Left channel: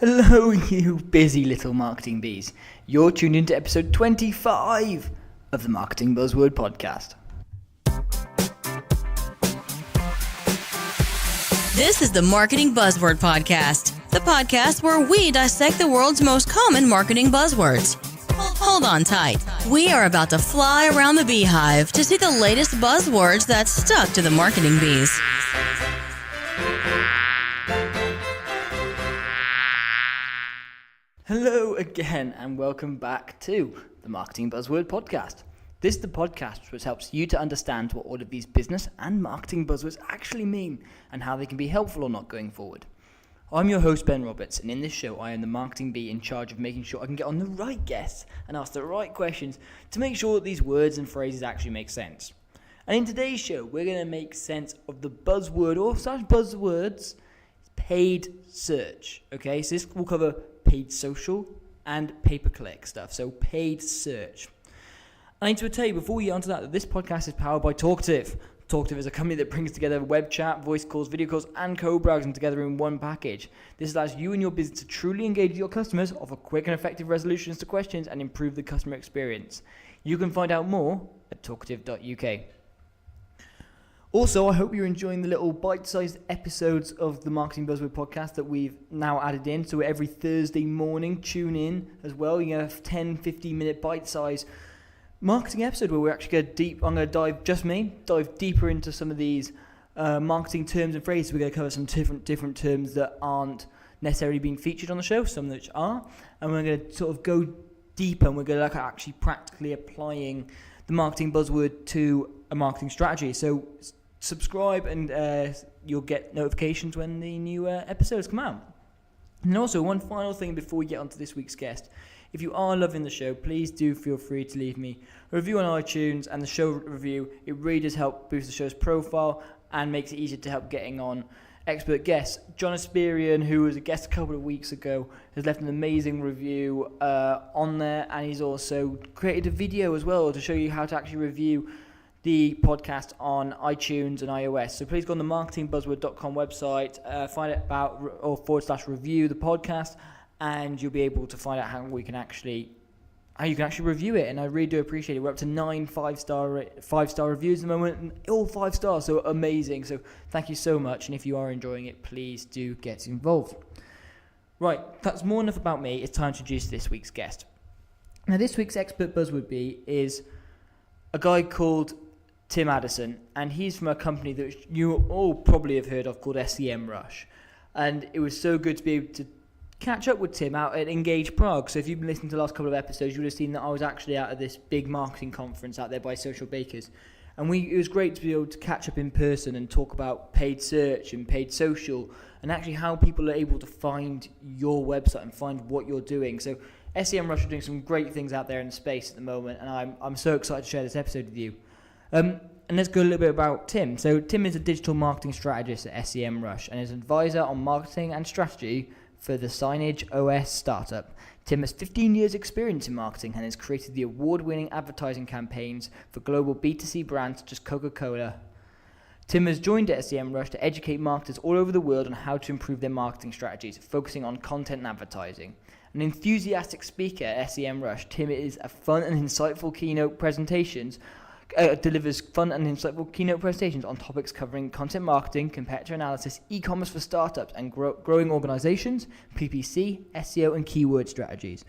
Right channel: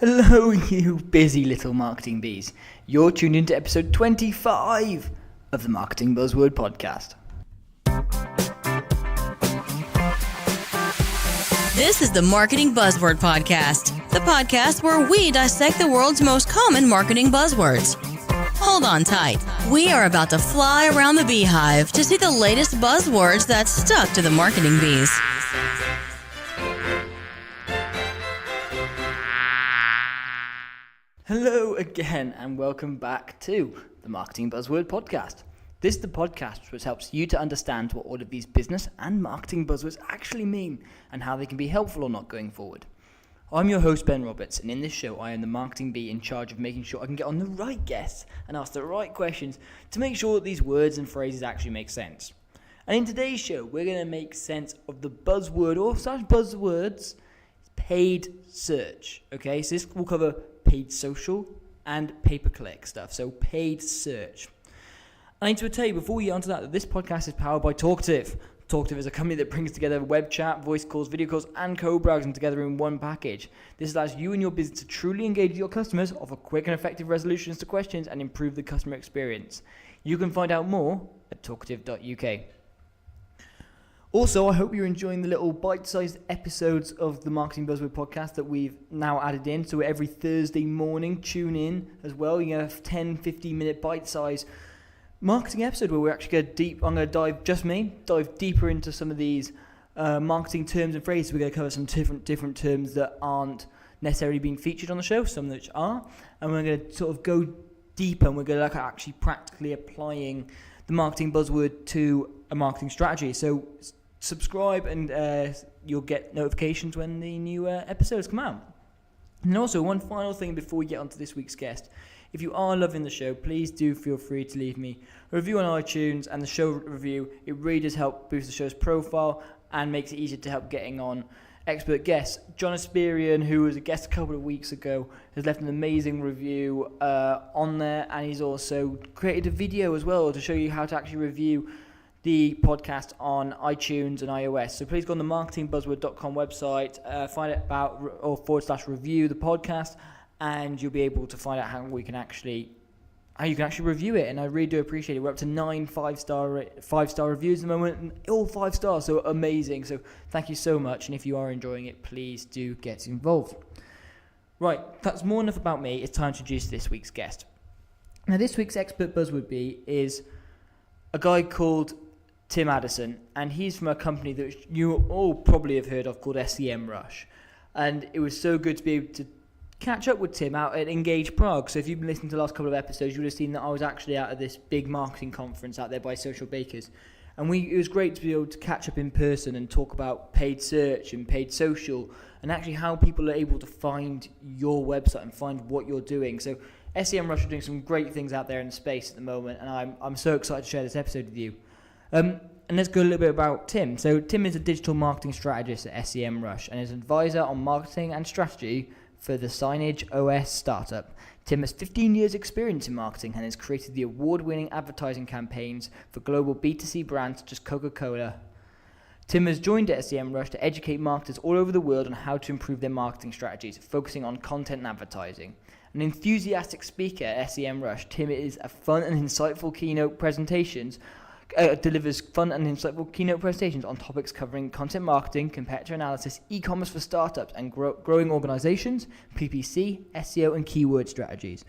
Hello, you busy little marketing bees. You're tuned into episode 25 of the Marketing Buzzword Podcast. This is the Marketing Buzzword Podcast, the podcast where we dissect the world's most common marketing buzzwords. Hold on tight. We are about to fly around the beehive to see the latest buzzwords that stuck to the marketing bees. Hello again and welcome back to the Marketing Buzzword Podcast. This is the podcast which helps you to understand what all of these business and marketing buzzwords actually mean and how they can be helpful or not going forward. I'm your host Ben Roberts, and in this show I am the marketing bee in charge of making sure I can get on the right guests and ask the right questions to make sure that these words and phrases actually make sense. And in today's show we're going to make sense of the buzzword or such buzzwords paid search. Okay, so this will cover paid social and pay-per-click stuff, so paid search. I need to tell you before we get onto that this podcast is powered by Talkative. Talkative is a company that brings together web chat, voice calls, video calls, and co-browsing together in one package. This allows you and your business to truly engage with your customers, offer quick and effective resolutions to questions, and improve the customer experience. You can find out more at talkative.uk. Also, I hope you're enjoying the little bite-sized episodes of the Marketing Buzzword Podcast that we've now added in. So every Thursday morning, tune in as well. You have 10-15-minute bite-sized marketing episode where we're actually going to dive deeper into some of these marketing terms and phrases. We're going to cover some different terms that aren't necessarily being featured on the show, some which are, and we're going to sort of go deeper and we're going to look at actually practically applying the marketing buzzword to a marketing strategy. So subscribe and you'll get notifications when the new episodes come out. And also, one final thing before we get on to this week's guest. If you are loving the show, please do feel free to leave me a review on iTunes and the show review. It really does help boost the show's profile and makes it easier to help getting on expert guests. John Asperian, who was a guest a couple of weeks ago, has left an amazing review on there, and he's also created a video as well to show you how to actually review the podcast on iTunes and iOS. So please go on the marketingbuzzword.com website, find out about or /review the podcast, and you'll be able to find out how you can actually review it. And I really do appreciate it. We're up to 9 five-star reviews at the moment, and all 5 stars, so amazing. So thank you so much, and if you are enjoying it, please do get involved. Right, that's more enough about me. It's time to introduce this week's guest. Now, this week's expert buzzword bee is a guy called Tim Addison, and he's from a company that you all probably have heard of called SEMrush. And it was so good to be able to catch up with Tim out at Engage Prague. So if you've been listening to the last couple of episodes, you would have seen that I was actually out at this big marketing conference out there by Social Bakers. And it was great to be able to catch up in person and talk about paid search and paid social and actually how people are able to find your website and find what you're doing. So SEMrush are doing some great things out there in the space at the moment, and I'm so excited to share this episode with you. And let's go a little bit about Tim. So Tim is a digital marketing strategist at SEMrush and is an advisor on marketing and strategy for the Signage OS startup. Tim has 15 years experience in marketing and has created the award-winning advertising campaigns for global B2C brands such as Coca-Cola. Tim has joined SEMrush to educate marketers all over the world on how to improve their marketing strategies, focusing on content and advertising. An enthusiastic speaker at SEMrush, Tim is a fun and insightful delivers fun and insightful keynote presentations on topics covering content marketing, competitor analysis, e-commerce for startups and growing organizations, PPC, SEO, and keyword strategies.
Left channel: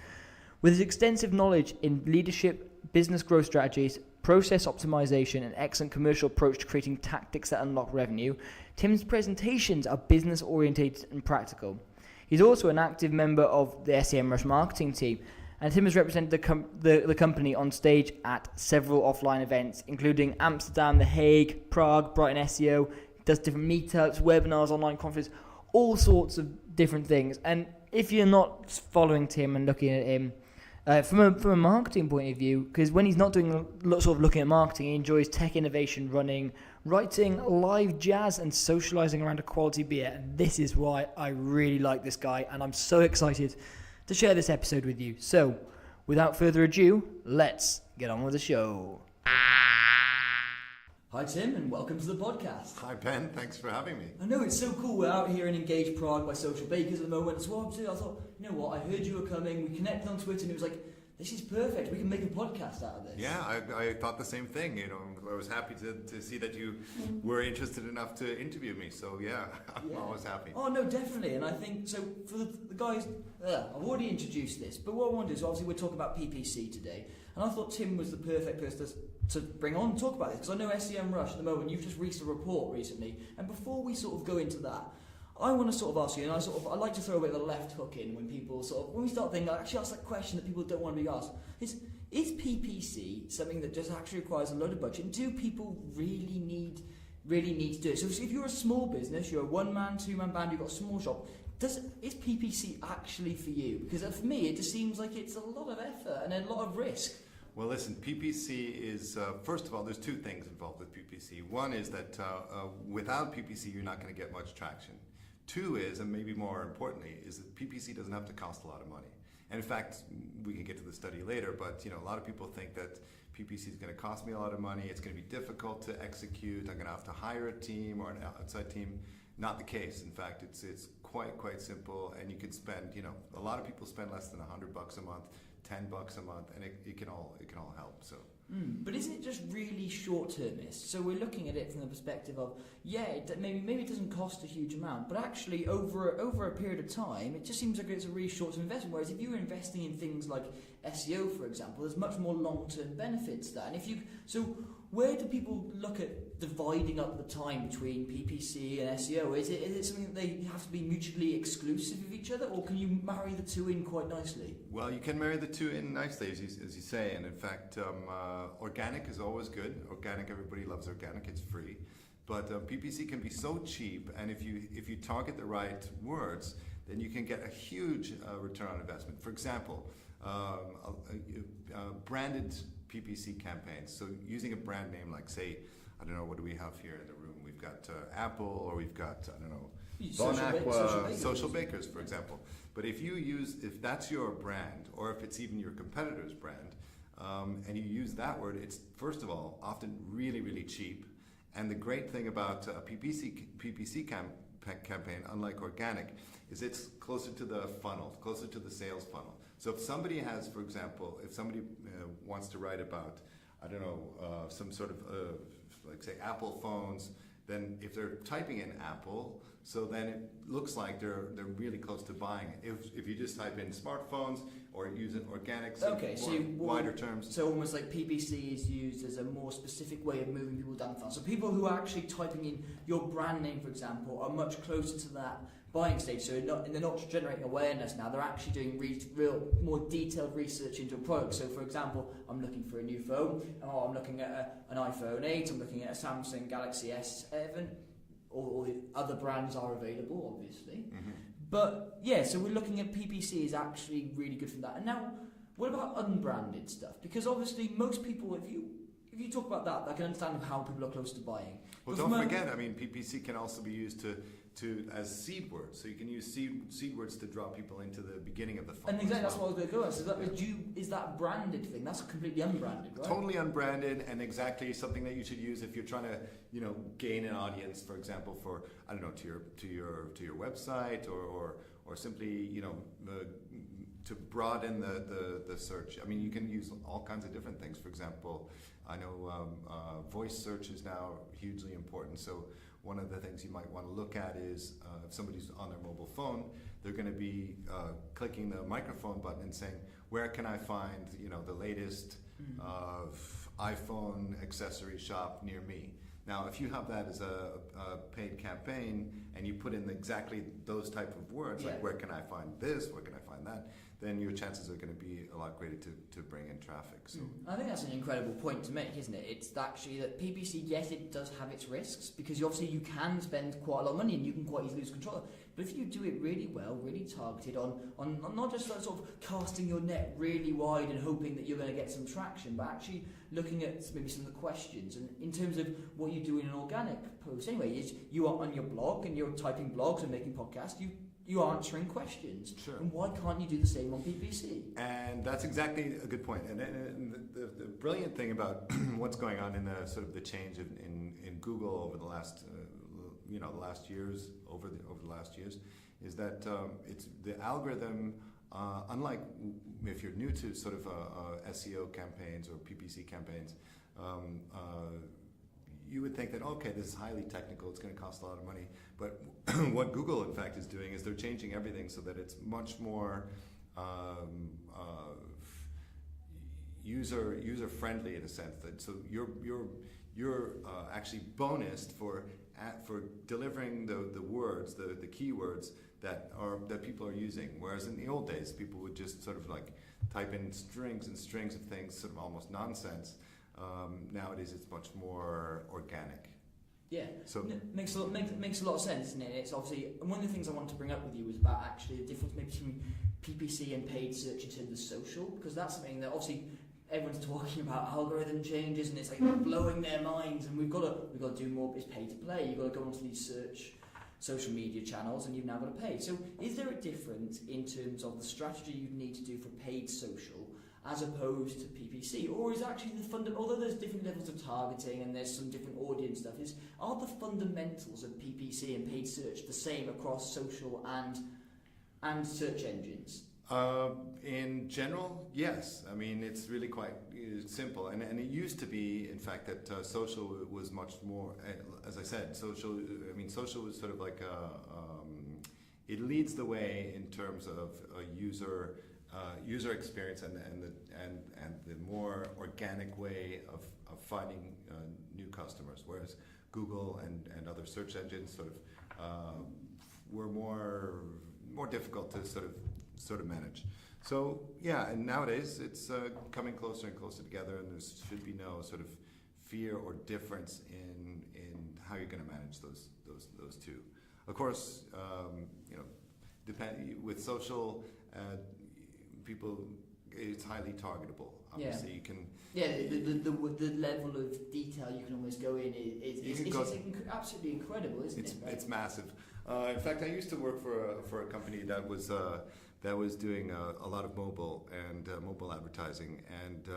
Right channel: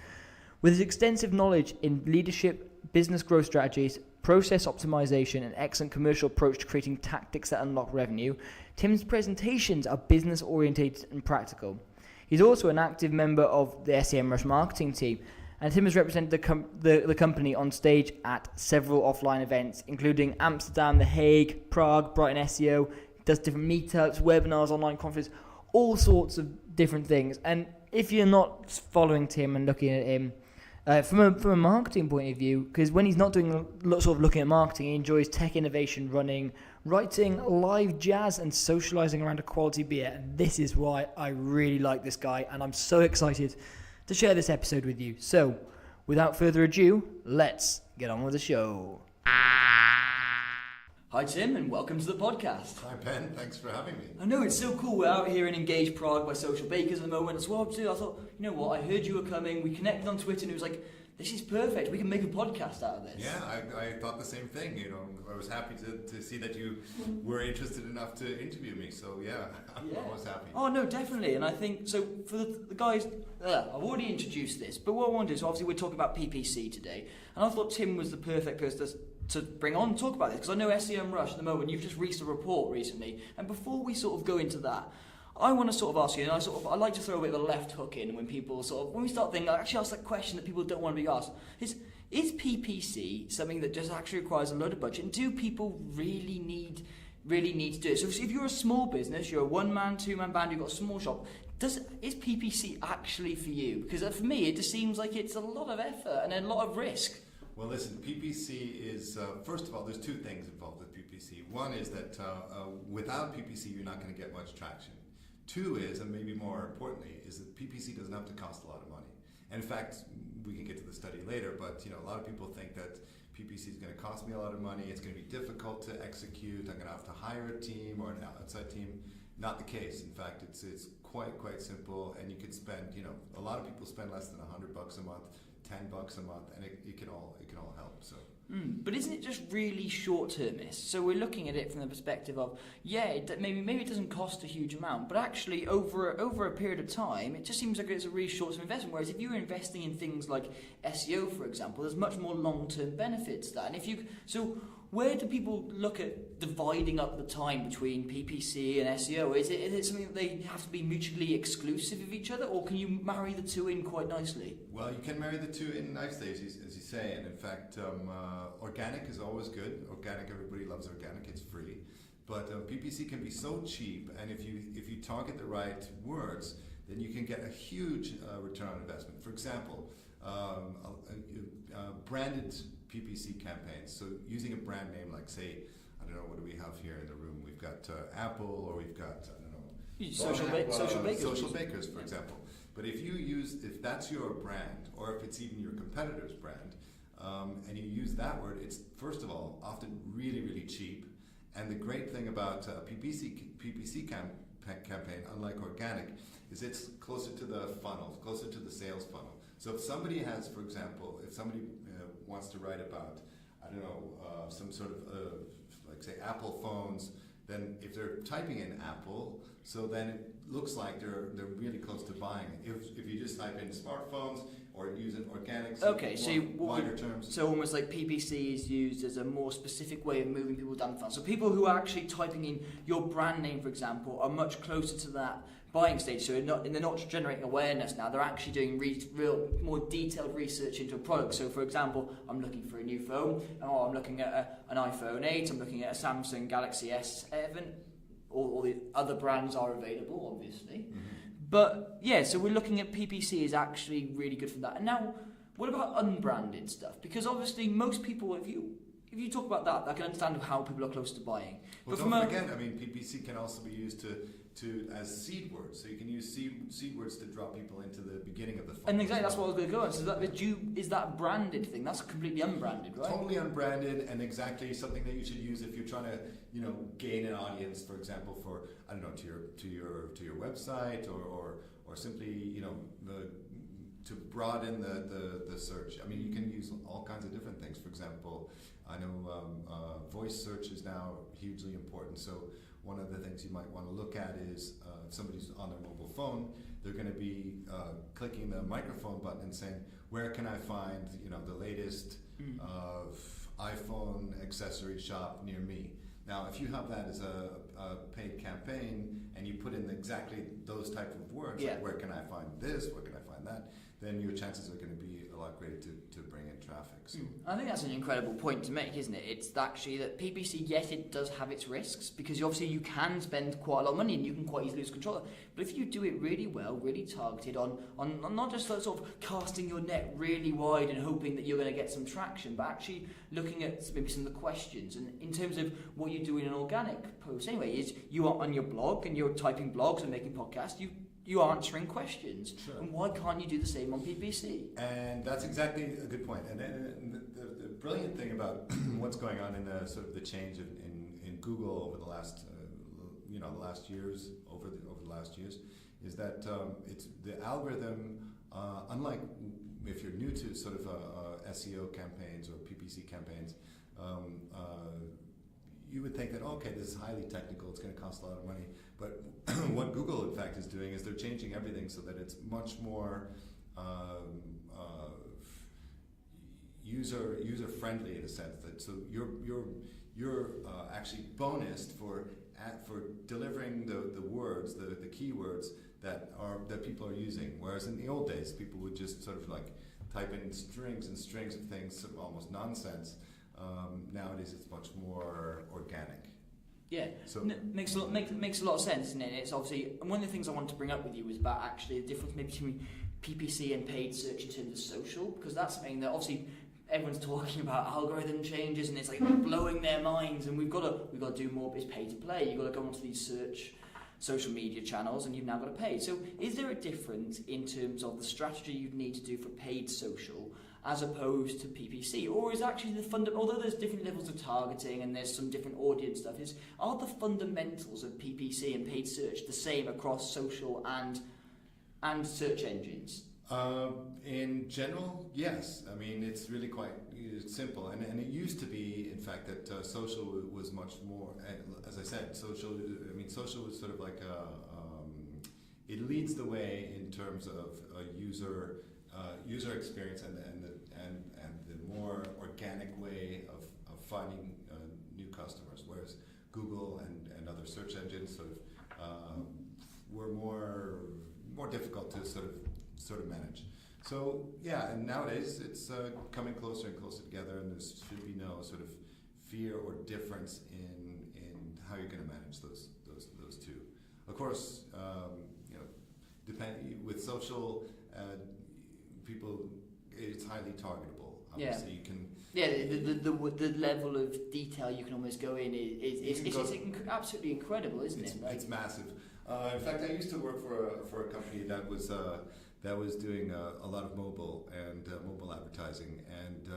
With his extensive knowledge in leadership, business growth strategies, process optimization, and excellent commercial approach to creating tactics that unlock revenue, Tim's presentations are business-oriented and practical. He's also an active member of the SEMrush marketing team, and Tim has represented the company on stage at several offline events, including Amsterdam, The Hague, Prague, Brighton SEO, does different meetups, webinars, online conferences, all sorts of different things. And if you're not following Tim and looking at him from a marketing point of view, because when he's not doing sort of looking at marketing, he enjoys tech innovation, running, writing, live jazz, and socializing around a quality beer. And this is why I really like this guy, and I'm so excited to share this episode with you. So, without further ado, let's get on with the show. Hi Tim, and welcome to the podcast. Hi Ben, thanks for having me. I know, it's so cool. We're out here in Engage Prague by Social Bakers at the moment as well too. I thought, you know what, I heard you were coming, we connected on Twitter and it was like, this is perfect, we can make a podcast out of this. Yeah, I thought the same thing, you know. I was happy to see that you were interested enough to interview me, so I'm always happy. Oh no, definitely, and I think, so for the guys, I've already introduced this, but what I want to do is, obviously we're talking about PPC today, and I thought Tim was the perfect person to bring on and talk about this, because I know SEM Rush at the moment, you've just released a report recently, and before we sort of go into that, I want to sort of ask you, and I like to throw a bit of a left hook in when people when we start thinking, I actually ask that question that people don't want to be asked, is PPC something that just actually requires a load of budget? Do people really need to do it? So if you're a small business, you're a one-man, two-man band, you've got a small shop, is PPC actually for you? Because for me, it just seems like it's a lot of effort and a lot of risk. Well, listen, PPC is, first of all, there's two things involved with PPC. One is that without PPC, you're not going to get much traction. Two is, and maybe more importantly, is that PPC doesn't have to cost a lot of money. And in fact, we can get to the study later, but a lot of people think that PPC is going to cost me a lot of money, it's going to be difficult to execute, I'm going to have to hire a team or an outside team. Not the case. In fact, it's quite simple, and you can spend, a lot of people spend less than $100 a month, $10 a month, and it can all help. So. But isn't it just really short-termist? So we're looking at it from the perspective of, maybe it doesn't cost a huge amount, but actually over a period of time, it just seems like it's a really short-term investment. Whereas if you're investing in things like SEO, for example, there's much more long-term benefits to that. And where do people look at dividing up the time between PPC and SEO? Is it something that they have to be mutually exclusive of each other, or can you marry the two in quite nicely? Well, you can marry the two in nicely, as you say, and in fact, organic is always good. Organic, everybody loves organic, it's free. But PPC can be so cheap, and if you target the right words, then you can get a huge return on investment. For example, branded PPC campaigns. So using a brand name like, say, I don't know, what do we have here in the room? We've got Apple, or we've got, I don't know, Social Bakers, for example. But if that's your brand, or if it's even your competitor's brand, and you use that word, it's, first of all, often really, really cheap. And the great thing about PPC campaign, unlike organic, is it's closer to the funnel, closer to the sales funnel. So if somebody has, for example, if somebody wants to write about, I don't know, some sort of, like say, Apple phones, then if they're typing in Apple, so then it looks like they're really close to buying it. If you just type in smartphones or use it organic, wider terms. So almost like PPC is used as a more specific way of moving people down the funnel. So people who are actually typing in your brand name, for example, are much closer to that buying stage. So they're not just generating awareness now, they're actually doing real more detailed research into a product. So for example, I'm looking for a new phone, or I'm looking at an iPhone 8, I'm looking at a Samsung Galaxy S7, all the other brands are available, obviously. But so we're looking at PPC is actually really good for that. And now, what about unbranded stuff? Because obviously most people, if you talk about that, I can understand how people are close to buying. Well, don't forget, PPC can also be used as seed words. So you can use seed words to draw people into the beginning of the funnel. And exactly, that's what I was going to go on. So is that branded thing? That's completely unbranded, right? Totally unbranded, and exactly something that you should use if you're trying to, gain an audience, for example, for, I don't know, to your website, or simply, to broaden the search. I mean, you can use all kinds of different things. For example, I know voice search is now hugely important. So one of the things you might want to look at is somebody's on their mobile phone, they're going to be clicking the microphone button and saying, where can I find the latest iPhone accessory shop near me? Now, if you have that as a paid campaign and you put in exactly those type of words, like where can I find this, where can I find that, then your chances are going to be a lot greater to bring in traffic. So. I think that's an incredible point to make, isn't it? It's actually that PPC, yes, it does have its risks, because obviously you can spend quite a lot of money and you can quite easily lose control. But if you do it really well, really targeted on not just sort of casting your net really wide and hoping that you're going to get some traction, but actually looking at maybe some of the questions. And in terms of what you do in an organic post anyway, is you are on your blog and you're typing blogs and making podcasts, you are answering questions. Sure. And why can't you do the same on PPC? And that's exactly a good point. And the brilliant thing about what's going on in the sort of the change in Google over the last years is that it's the algorithm. Unlike if you're new to sort of SEO campaigns or PPC campaigns, you would think that okay, this is highly technical. It's going to cost a lot of money. But what Google in fact is doing is they're changing everything so that it's much more user friendly in a sense that so you're actually bonused for delivering the words, the keywords that people are using. Whereas in the old days, people would just sort of like type in strings and strings of things, sort of almost nonsense. Nowadays, it's much more organic. Yeah, so makes a lot of sense, isn't it? It's obviously, and one of the things I wanted to bring up with you was about actually the difference maybe between PPC and paid search in terms of social, because that's something that obviously everyone's talking about algorithm changes, and it's like blowing their minds, and we've got to do more. It's pay to play. You've got to go onto these social media channels, and you've now got to pay. So, is there a difference in terms of the strategy you need to do for paid social as opposed to PPC, or is actually the although there's different levels of targeting and there's some different audience stuff, are the fundamentals of PPC and paid search the same across social and search engines? In general, yes. I mean, it's really quite simple, and it used to be, in fact, that social was much more. As I said, social is sort of like it leads the way in terms of user experience and the more organic way of finding new customers, whereas Google and other search engines sort of were more difficult to sort of manage. So yeah, and nowadays it's coming closer and closer together, and there's really no sort of fear or difference in how you're going to manage those two. Of course, depending with social, people, it's highly targetable. Obviously, you can. Yeah, the level of detail you can almost go in is absolutely incredible, isn't it? Right? It's massive. In fact, I used to work for a company that was doing a lot of mobile advertising, and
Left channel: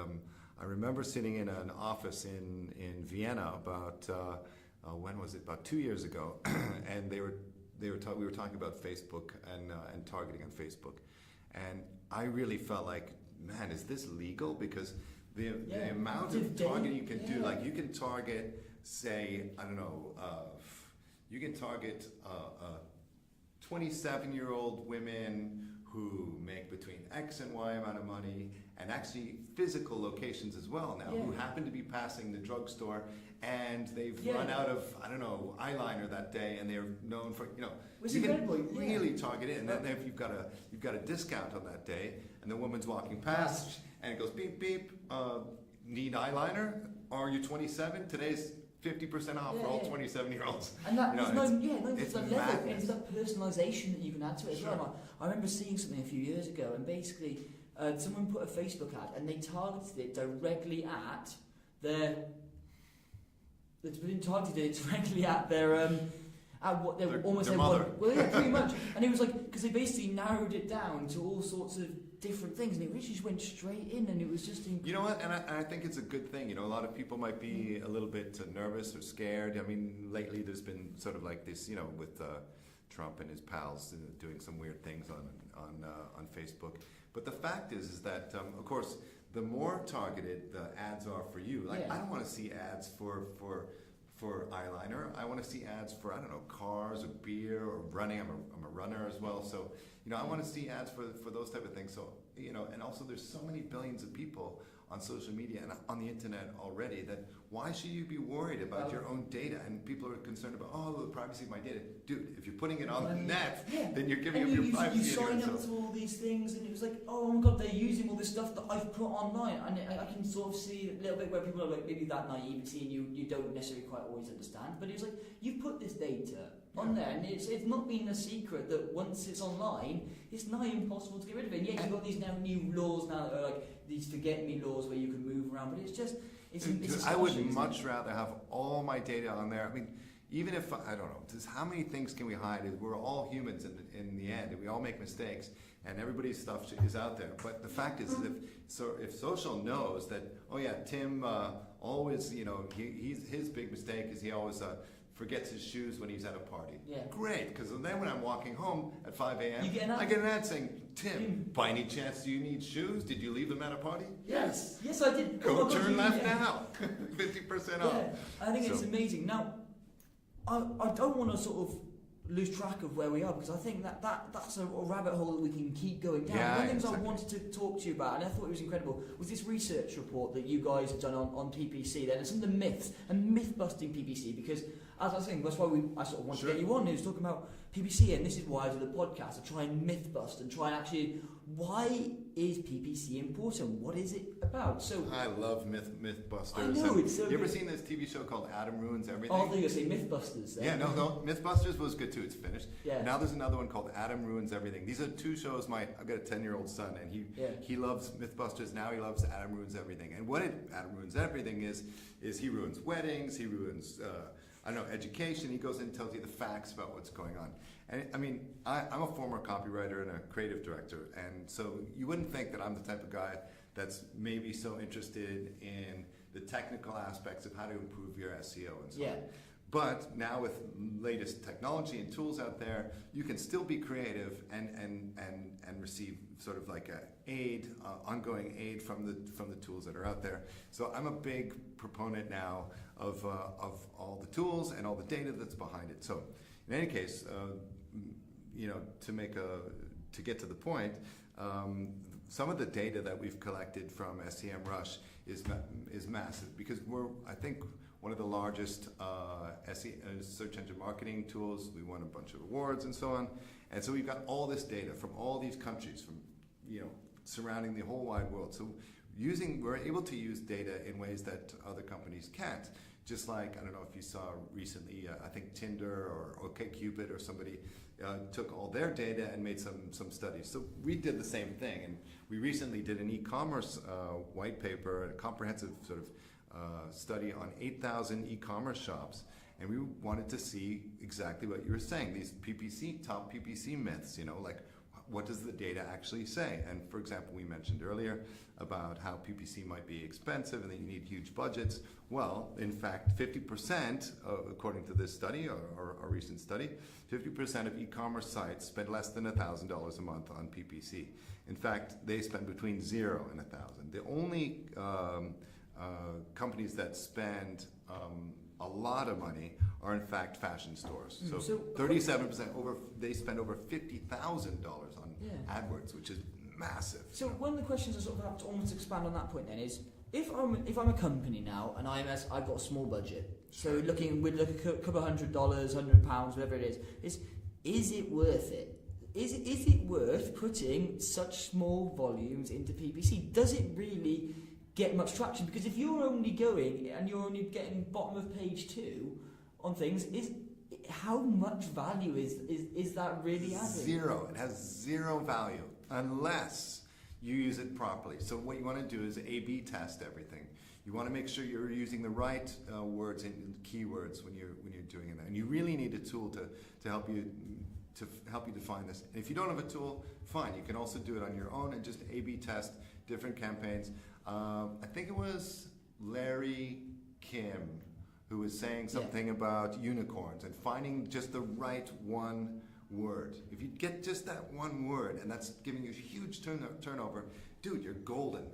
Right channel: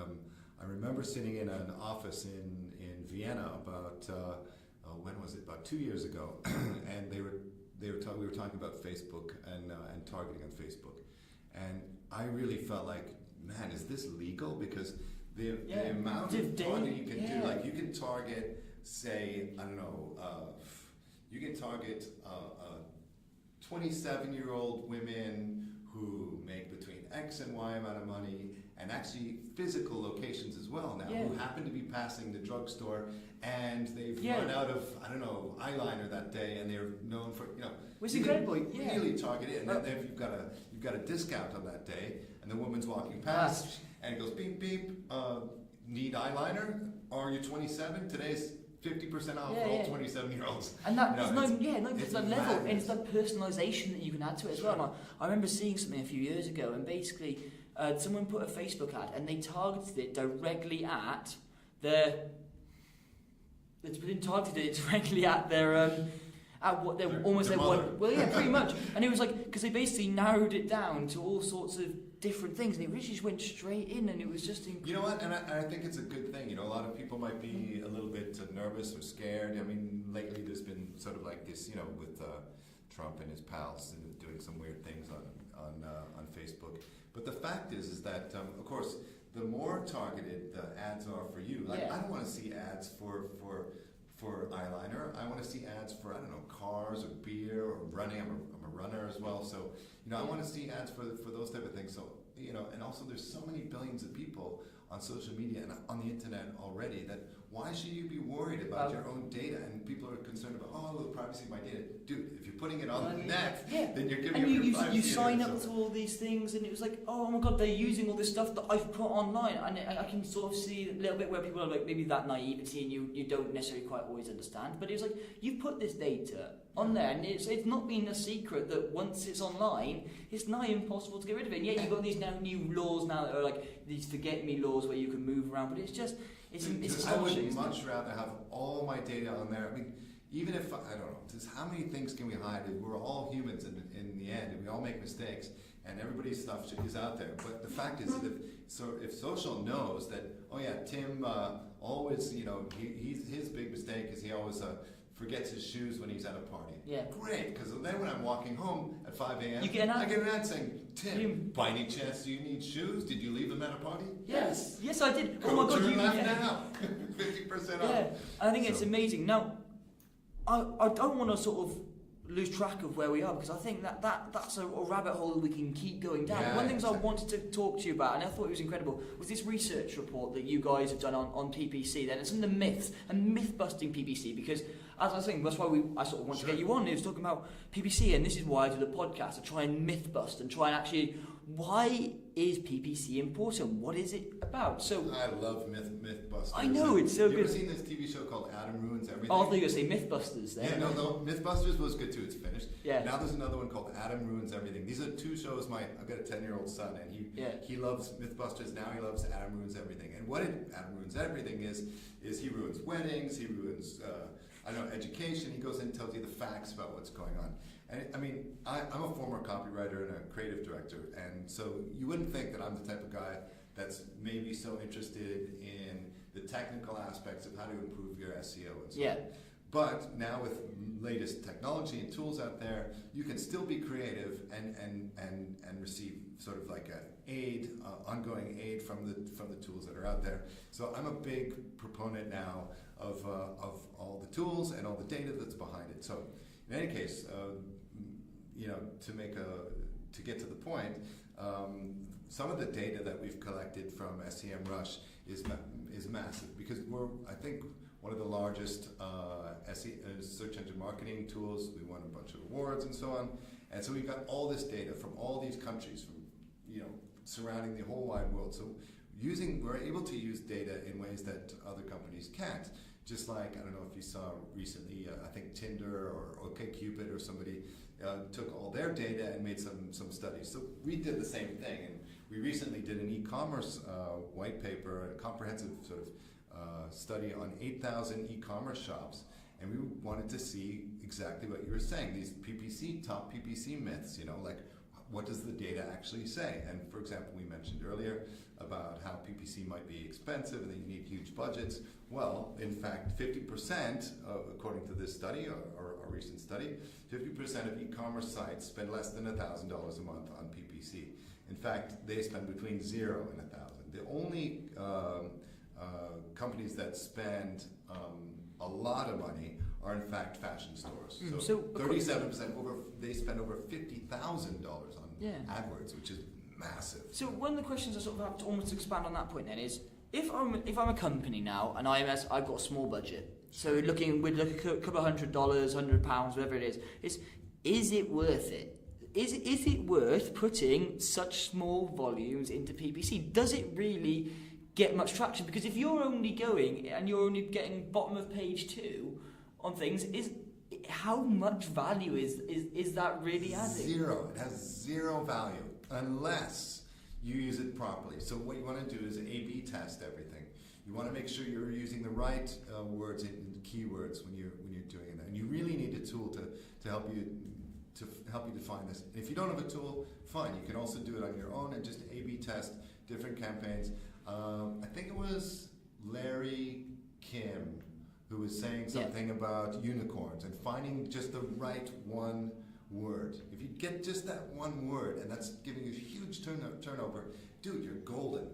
I remember sitting in an office in Vienna about when was it? About 2 years ago, and we were talking about Facebook and targeting on Facebook, and I really felt like, man, is this legal? Because the amount of targeting you can do, like you can target, say, I don't know, you can target 27-year-old women who make between X and Y amount of money, and actually physical locations as well now, who happen to be passing the drugstore, and they've run out of, I don't know, eyeliner that day, and they're known for, which you can really target it, and then you've got a discount on that day, and the woman's walking past, and it goes beep beep, need eyeliner? Are you 27? Today's 50% off for all 27-year-olds. And that there's no level. It's the personalisation that you can add to it as well. Now, I remember seeing something a few years ago, and basically someone put a Facebook ad, and they targeted it directly at their. It's been targeted it directly at their at what they were almost like. Pretty much. And it was like because they basically narrowed it down to all sorts of different things. They really just went straight in, and it was just incredible. You know what? And I think it's a good thing. A lot of people might be a little bit nervous or scared. I mean, lately there's been sort of like this, with Trump and his pals doing some weird things on Facebook. But the fact is that, of course, the more targeted the ads are for you. Like, I don't want to see ads for eyeliner. I want to see ads for, I don't know, cars or beer or running. I'm a runner as well, so I want to see ads for those type of things. So and also there's so many billions of people on social media and on the internet already that why should you be worried about your own data? And people are concerned about the privacy of my data. Dude, if you're putting it on the net, then you're giving and your privacy. You sign up to all these things, and it was like, oh my god, they're using all this stuff that I've put online, and I can sort of see a little bit where people are like maybe that naivety, and you don't necessarily quite always understand. But it's like you put this data on there, and it's not been a secret that once it's online, it's nigh impossible to get rid of it. And you've got these new laws now that are like these forget me laws where you can move around, but it's just it's I would much rather have all my data on there. I mean, even if, I don't know, just how many things can we hide? We're all humans in the end, and we all make mistakes, and everybody's stuff is out there. But the fact is that So if social knows that, oh yeah, Tim always, his big mistake is he always forgets his shoes when he's at a party. Yeah. Great, because then when I'm walking home at 5 a.m., I get an ad saying, Tim, by any chance do you need shoes? Did you leave them at a party? Yes, I did. Go to your left now. 50% off. I think it's amazing. Now, I don't want to sort of lose track of where we are, because I think that's a rabbit hole that we can keep going down. One of the things I wanted to talk to you about, and I thought it was incredible, was this research report that you guys have done on PPC. Then it's some of the myths and myth-busting PPC, because as I was saying, that's why I sort of want to get you on. It was talking about PPC, and this is why I do the podcast, to try and myth bust and try and actually, why is PPC important? What is it about? So I love myth busters. I know, it's so good. You ever seen this TV show called Adam Ruins Everything? Oh, I thought you were going to say Mythbusters there. Yeah, no, Mythbusters was good too. It's finished. Yeah. Now there's another one called Adam Ruins Everything. These are two shows. I've got a 10-year-old son, and he loves Mythbusters. Now he loves Adam Ruins Everything. And what Adam Ruins Everything is he ruins weddings. He ruins education. He goes in and tells you the facts about what's going on. And I mean, I'm a former copywriter and a creative director, and so you wouldn't think that I'm the type of guy that's maybe so interested in the technical aspects of how to improve your SEO and so on. But now with latest technology and tools out there, you can still be creative and receive sort of like ongoing aid from the tools that are out there. So I'm a big proponent now of all the tools and all the data that's behind it. So in any case, to get to the point, some of the data that we've collected from SEMrush is massive, because we're, I think, one of the largest search engine marketing tools. We won a bunch of awards and so on, and so we've got all this data from all these countries, from surrounding the whole wide world. So we're able to use data in ways that other companies can't. Just like, I don't know if you saw recently, I think Tinder or OkCupid or somebody took all their data and made some studies. So we did the same thing, and we recently did an e-commerce white paper, a comprehensive sort of study on 8,000 e-commerce shops, and we wanted to see exactly what you were saying, these top PPC myths, like what does the data actually say? And for example, we mentioned earlier about how PPC might be expensive and that you need huge budgets. Well, in fact, 50%, according to this study, or a recent study, 50% of e-commerce sites spend less than $1,000 a month on PPC. In fact, they spend between 0 and 1,000. The only companies that spend a lot of money are in fact fashion stores. So 37% they spend over $50,000 on AdWords, which is massive. So one of the questions I sort of want to expand on that point then is, if I'm a company now and I've got a small budget, so we're looking at a couple of $100, £100, whatever it is it worth it? Is it worth putting such small volumes into PPC? Does it really get much traction? Because if you're only going and you're only getting bottom of page 2 on things, how much value is that really adding? Zero. It has zero value unless you use it properly. So what you want to do is A/B test everything. You want to make sure you're using the right words and keywords when you're doing that. And you really need a tool to help you define this. If you don't have a tool, fine. You can also do it on your own and just A/B test different campaigns. I think it was Larry Kim who was saying something about unicorns and finding just the right one word. If you get just that one word and that's giving you a huge turnover, dude, you're golden.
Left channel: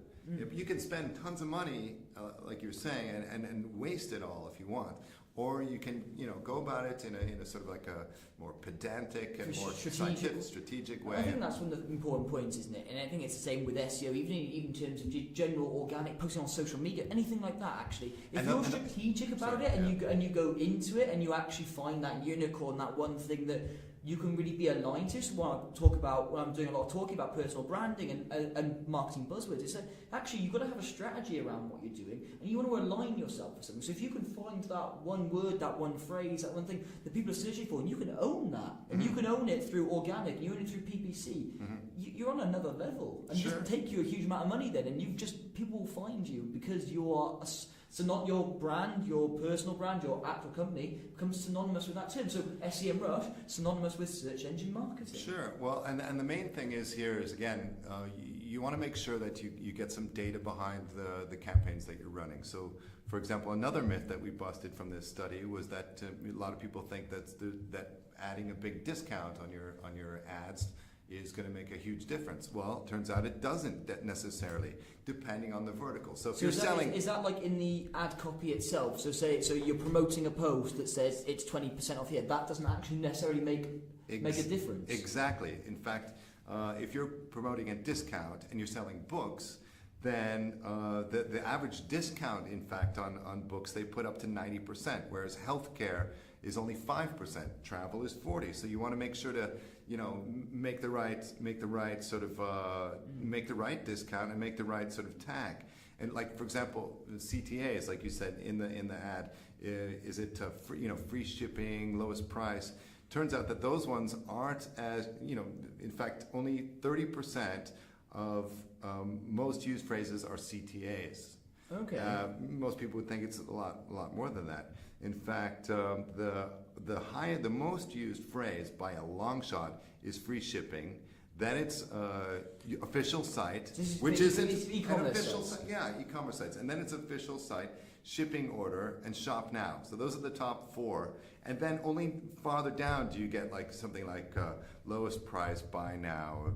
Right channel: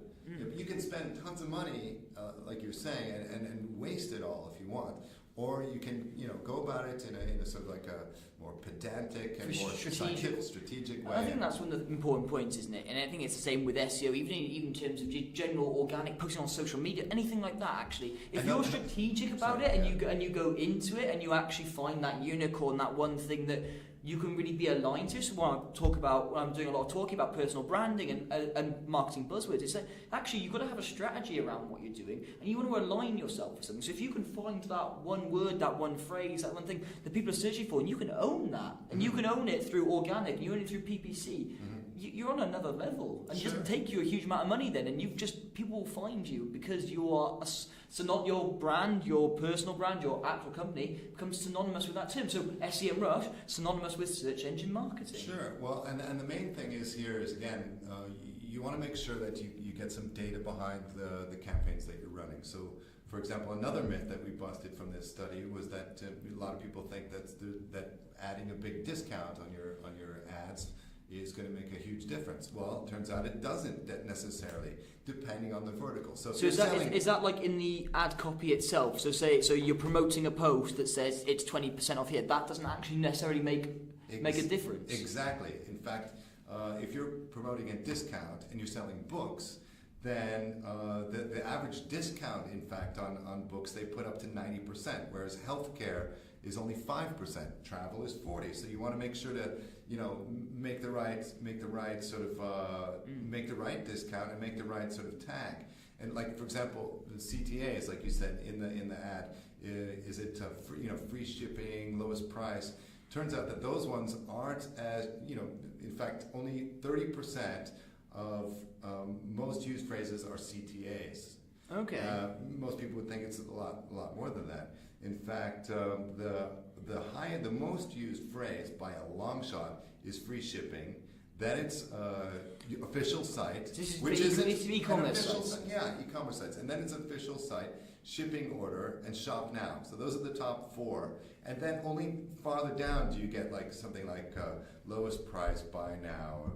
You can spend tons of money, like you're saying, and waste it all if you want. Or you can, go about it in a sort of like a more pedantic and more strategic way. I think that's one of the important points, isn't it? And I think it's the same with SEO, even in terms of general organic pushing on social media, anything like that. Actually, if you're strategic about it and you go into it and you actually find that unicorn, that one thing that you can really be aligned to. So when I'm doing a lot of talking about personal branding and marketing buzzwords, it's that actually you've got to have a strategy around what you're doing, and you want to align yourself with something. So if you can find that one word, that one phrase, that one thing that people are searching for, and you can own that, and you can own it through organic, you own it through PPC, you're on another level. And it doesn't take you a huge amount of money then, and people will find you because you are so not your brand, your personal brand, your actual company becomes synonymous with that term. So SEMrush, synonymous with search engine marketing. Sure. Well, and the main thing is here is, again, you want to make sure that you get some data behind the campaigns that you're running. So, for example, another myth that we busted from this study was that a lot of people think that adding a big discount on your ads is going to make a huge difference. Well, it turns out it doesn't necessarily, depending on the vertical. So is that like in the ad copy itself? So you're promoting a post that says it's 20% off here. That doesn't actually necessarily make a difference. Exactly. In fact, if you're promoting a discount and you're selling books, then the average discount, in fact, on books they put up to 90%, whereas healthcare is only 5%. Travel is 40%. So you want to make sure to make the right discount and make the right sort of tag. And like, for example, CTAs, like you said in the ad, is it free shipping, lowest price? Turns out that those ones aren't as in fact, only 30% of most used phrases are CTAs. Okay. Most people would think it's a lot more than that. In fact, the most used phrase by a long shot is free shipping. Then it's official site, which is e-commerce sites. Yeah, e-commerce sites, and then it's official site, shipping order, and shop now. So those are the top four. And then only farther down do you get like something like lowest price, buy now,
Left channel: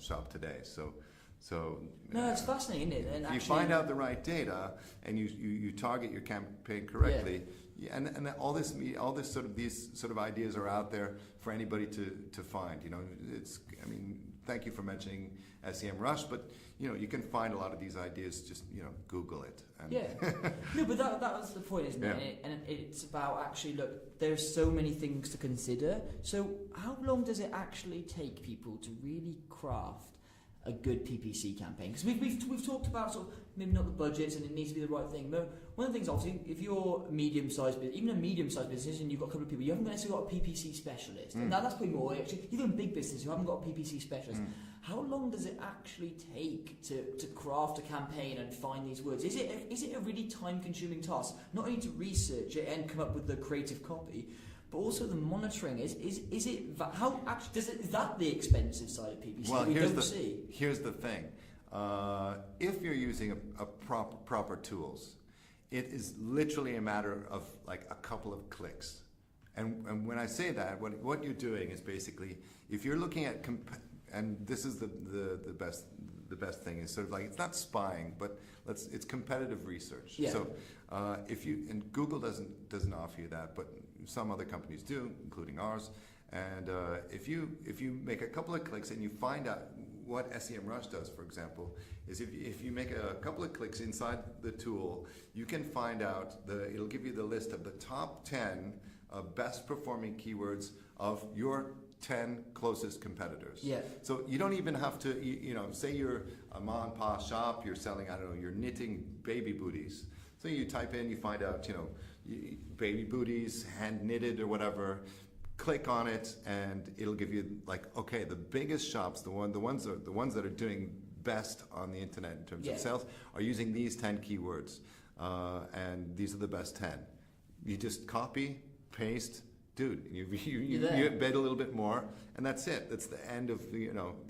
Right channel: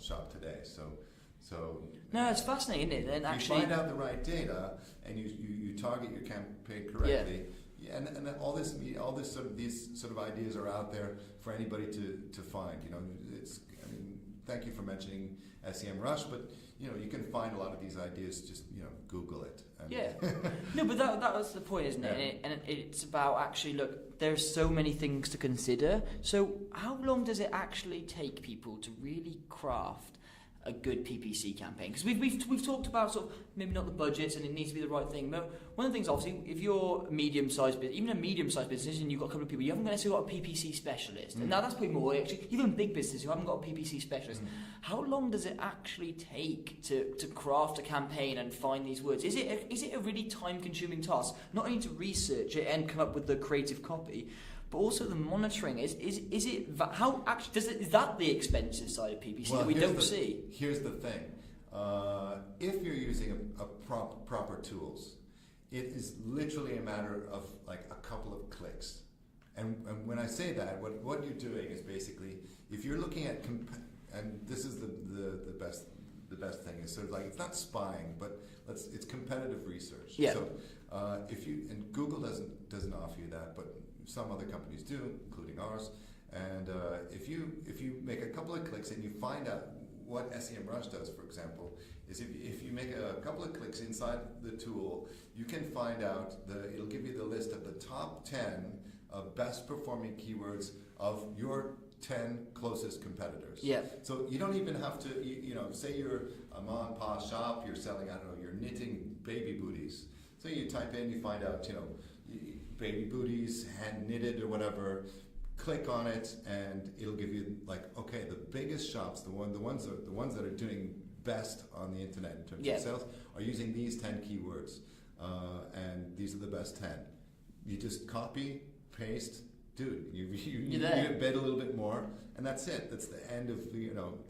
shop today. So no, it's fascinating, isn't it? And if actually, you find out the right data and you target your campaign correctly, and then these sort of ideas are out there for anybody to find. Thank you for mentioning SEMrush, but you can find a lot of these ideas. Just Google it. No, but that was the point, isn't it? And it's about actually, look, there's so many things to consider. So how long does it actually take people to really craft a good PPC campaign? Because we've talked about sort of maybe not the budgets and it needs to be the right thing, but one of the things, obviously, if you're medium-sized business, even a medium-sized business and you've got a couple of people, you haven't necessarily got a PPC specialist. Now that's probably more, actually, even a big business, you haven't got a PPC specialist. How long does it actually take to craft a campaign and find these words? Is it a really time-consuming task? Not only to research it and come up with the creative copy, but also the monitoring. Is that the expenses side of PPC that we don't see? Here's the thing: if you're using proper tools, it is literally a matter of like a couple of clicks. And when I say that, what you're doing is basically, if you're looking at and this is the best thing, is sort of like, it's not spying, but it's competitive research. Yeah. So and Google doesn't offer you that, but some other companies do, including ours. And if you make a couple of clicks and you find out what SEMrush does, for example, is if you make a couple of clicks inside the tool, you can find out that it'll give you the list of the top 10 best performing keywords of your 10 closest competitors. Yeah. So you don't even have to, say you're a mom and pop shop, you're selling, you're knitting baby booties. So you type in, you find out, baby booties, hand knitted or whatever. Click on it, and it'll give you okay, the biggest shops, the ones that are doing best on the internet in terms of sales, are using these 10 keywords, and these are the best 10. You just copy, paste, dude. You bet a little bit more, and that's it. That's the end of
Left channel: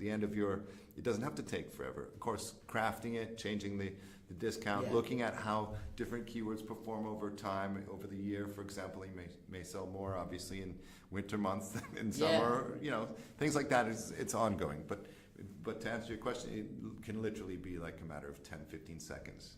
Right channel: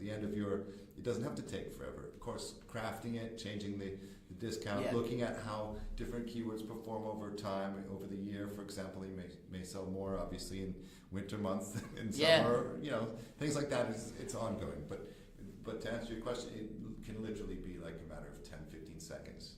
the end of your. It doesn't have to take forever. Of course, crafting it, changing the discount, looking at how different keywords perform over time, over the year. For example, you may sell more, obviously, in winter months than summer. Things like that. It's ongoing. But to answer your question, it can literally be like a matter of 10, 15 seconds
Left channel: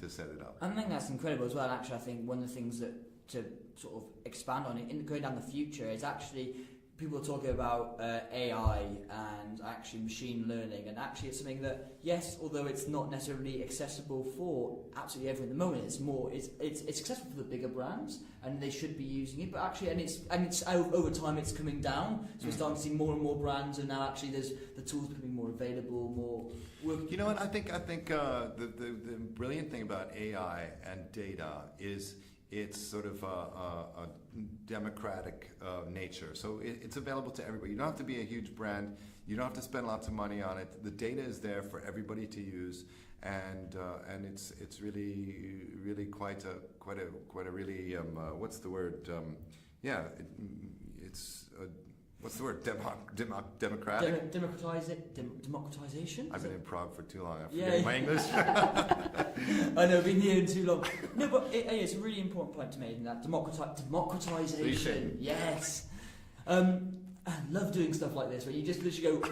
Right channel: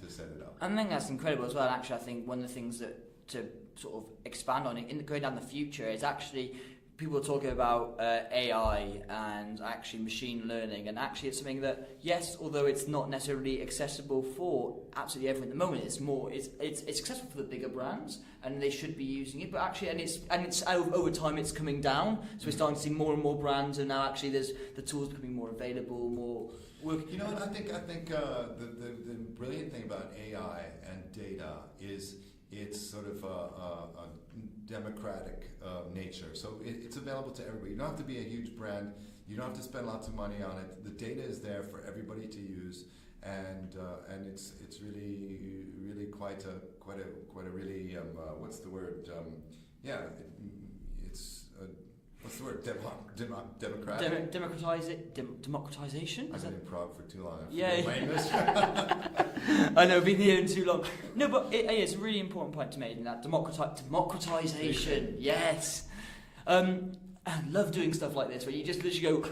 to set it up. I think that's incredible as well. Actually, I think one of the things that to sort of expand on it in going down the future is actually people are talking about AI and actually machine learning, and actually it's something that, yes, although it's not necessarily accessible for absolutely everyone at the moment, it's accessible for the bigger brands and they should be using it, but actually and it's over time it's coming down, so we're starting to see more and more brands, and now actually there's the tools becoming more available, more work. I think the brilliant thing about AI and data is it's sort of a democratic nature. So it's available to everybody. You don't have to be a huge brand. You don't have to spend lots of money on it. The data is there for everybody to use, and it's really quite a really what's the word? What's the word? Democratic? Democratization? I've been in Prague for too long. I know, been here too long. No, but it's a really important point to make, in that democratization. Yes. I love doing stuff like this where you just literally go,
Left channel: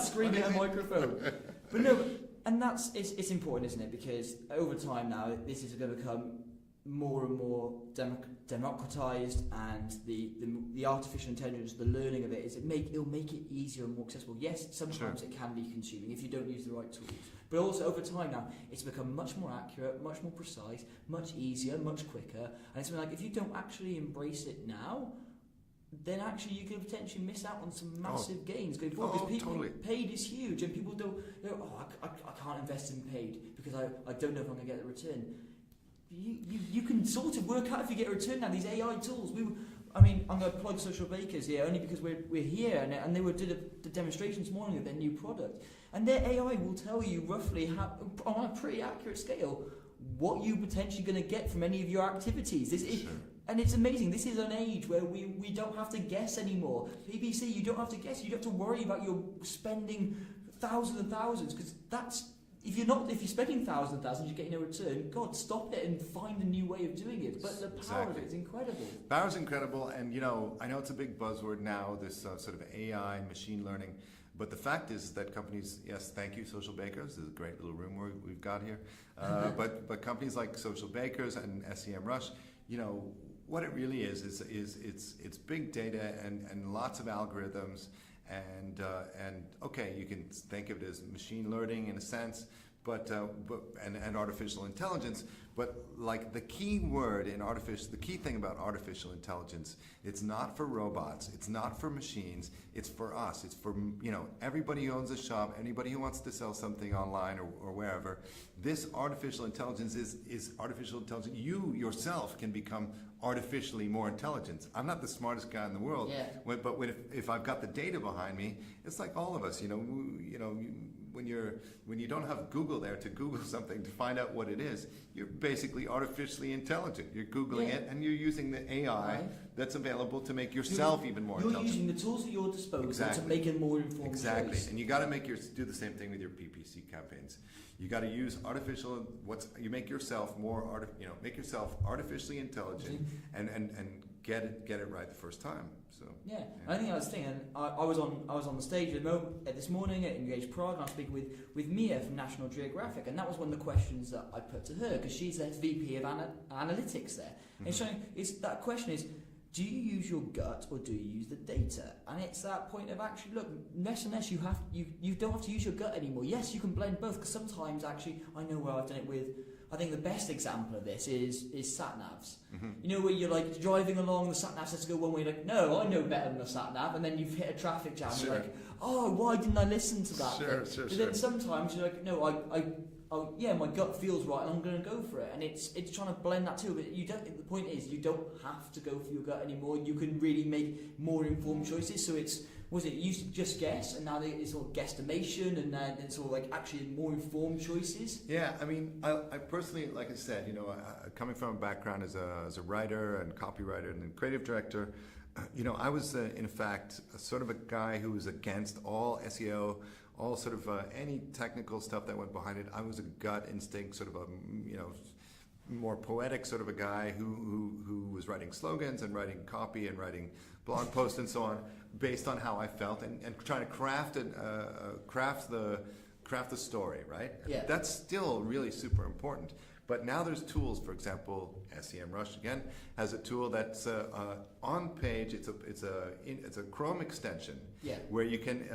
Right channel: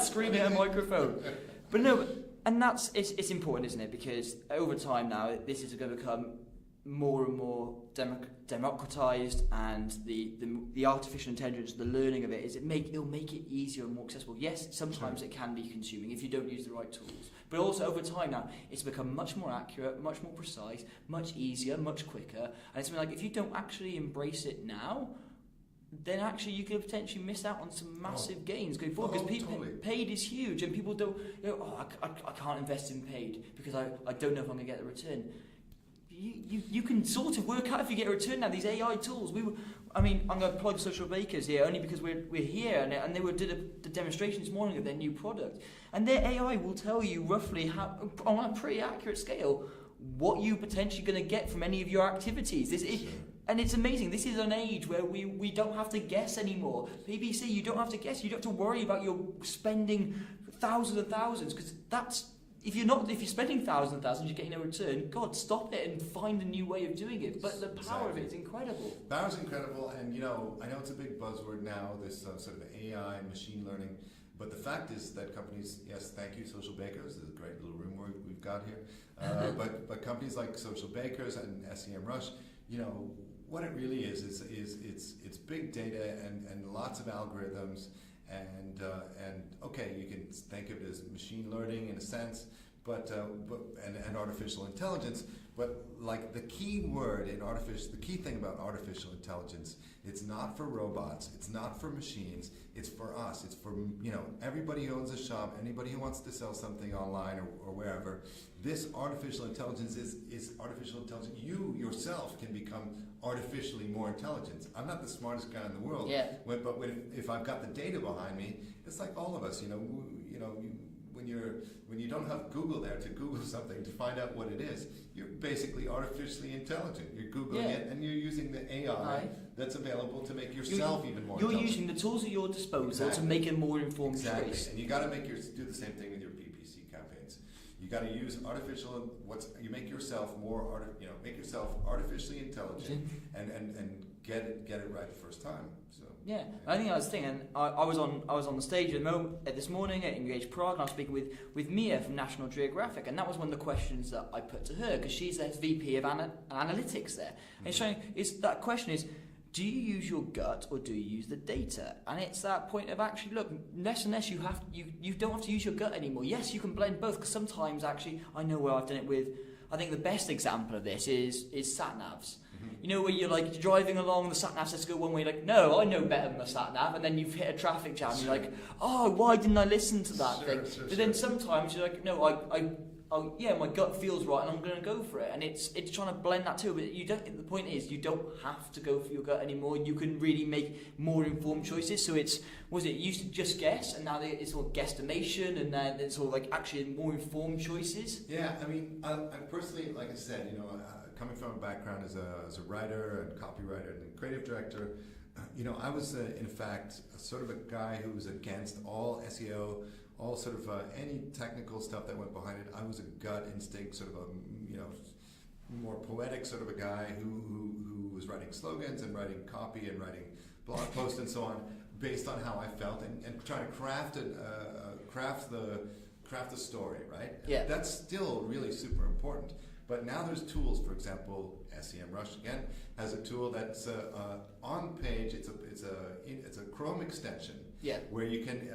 scream at a microphone. But no, and it's important, isn't it? Because over time now, this is going to become more and more democratized, and the artificial intelligence, the learning of it, it'll make it easier and more accessible. Yes, sometimes it can be consuming if you don't use the right tools. But also over time now, it's become much more accurate, much more precise, much easier, much quicker. And it's like, if you don't actually embrace it now, then actually you could potentially miss out on some massive gains going forward. Because paid is huge, and people don't, I can't invest in paid because I don't know if I'm going to get a return. You can sort of work out if you get a return now. These AI tools. I'm going to plug Social Bakers here only because we're here, and they did a demonstration this morning of their new product, and their AI will tell you roughly how, on a pretty accurate scale, what you're potentially going to get from any of your activities. And it's amazing. This is an age where we don't have to guess anymore. PPC, you don't have to guess. You don't have to worry about your spending thousands and thousands, because that's. If you're spending thousands and thousands, you're getting a return. God, stop it and find a new way of doing it. But the power of it is incredible. Power's incredible, and I know it's a big buzzword now, this sort of AI, machine learning. But the fact is that companies, yes, thank you, Social Bakers. This is a great little room we've got here. But companies like Social Bakers and SEMrush, what it really is it's big data and lots of algorithms. And okay, you can think of it as machine learning in a sense, but artificial intelligence. But like the key thing about artificial intelligence, it's not for robots, it's not for machines, it's for us. It's for everybody who owns a shop, anybody who wants to sell something online or wherever. This artificial intelligence is artificial intelligence. You yourself can become artificially more intelligent. I'm not the smartest guy in the world, but if I've got the data behind me, it's like all of us. When you don't have Google there to Google something to find out what it is, you're basically artificially intelligent. You're Googling it, and you're using the AI that's available to make yourself even more intelligent. You're using the tools at your disposal to make a more informed choice. And you got to do the same thing with your PPC campaigns. You got to use you make yourself make yourself artificially intelligent and get it right the first time. Yeah, I think that's the thing. And I was on the stage this morning at Engage Prague, and I was speaking with Mia from National Geographic, and that was one of the questions that I put to her, because she's their VP of analytics there. And that question is, do you use your gut or do you use the data? And it's that point of actually, look, less and less you don't have to use your gut anymore. Yes, you can blend both, because sometimes actually, I know where I've done it with. I think the best example of this is sat navs. Where you're like driving along, the sat nav says to go one way, like, no, I know better than the sat nav, and then you've hit a traffic jam, you're like, oh, why didn't I listen to that thing? But then sometimes you're like, no, my gut feels right, and I'm going to go for it, and it's trying to blend that too. But the point is, you don't have to go for your gut anymore. You can really make more informed choices. So it used to just guess, and now it's all guesstimation, and then it's all like actually more informed choices. Yeah, I personally, like I said, coming from a background as a writer and copywriter and creative director, I was in fact sort of a guy who was against all SEO, all sort of any technical stuff that went behind it. I was a gut instinct sort of a more poetic sort of a guy who was writing slogans and writing copy and writing blog posts and so on based on how I felt and trying to craft the story, right? Yeah. That's still really super important. But now there's tools, for example, SEMrush again has a tool that's on page. It's a Chrome extension where you can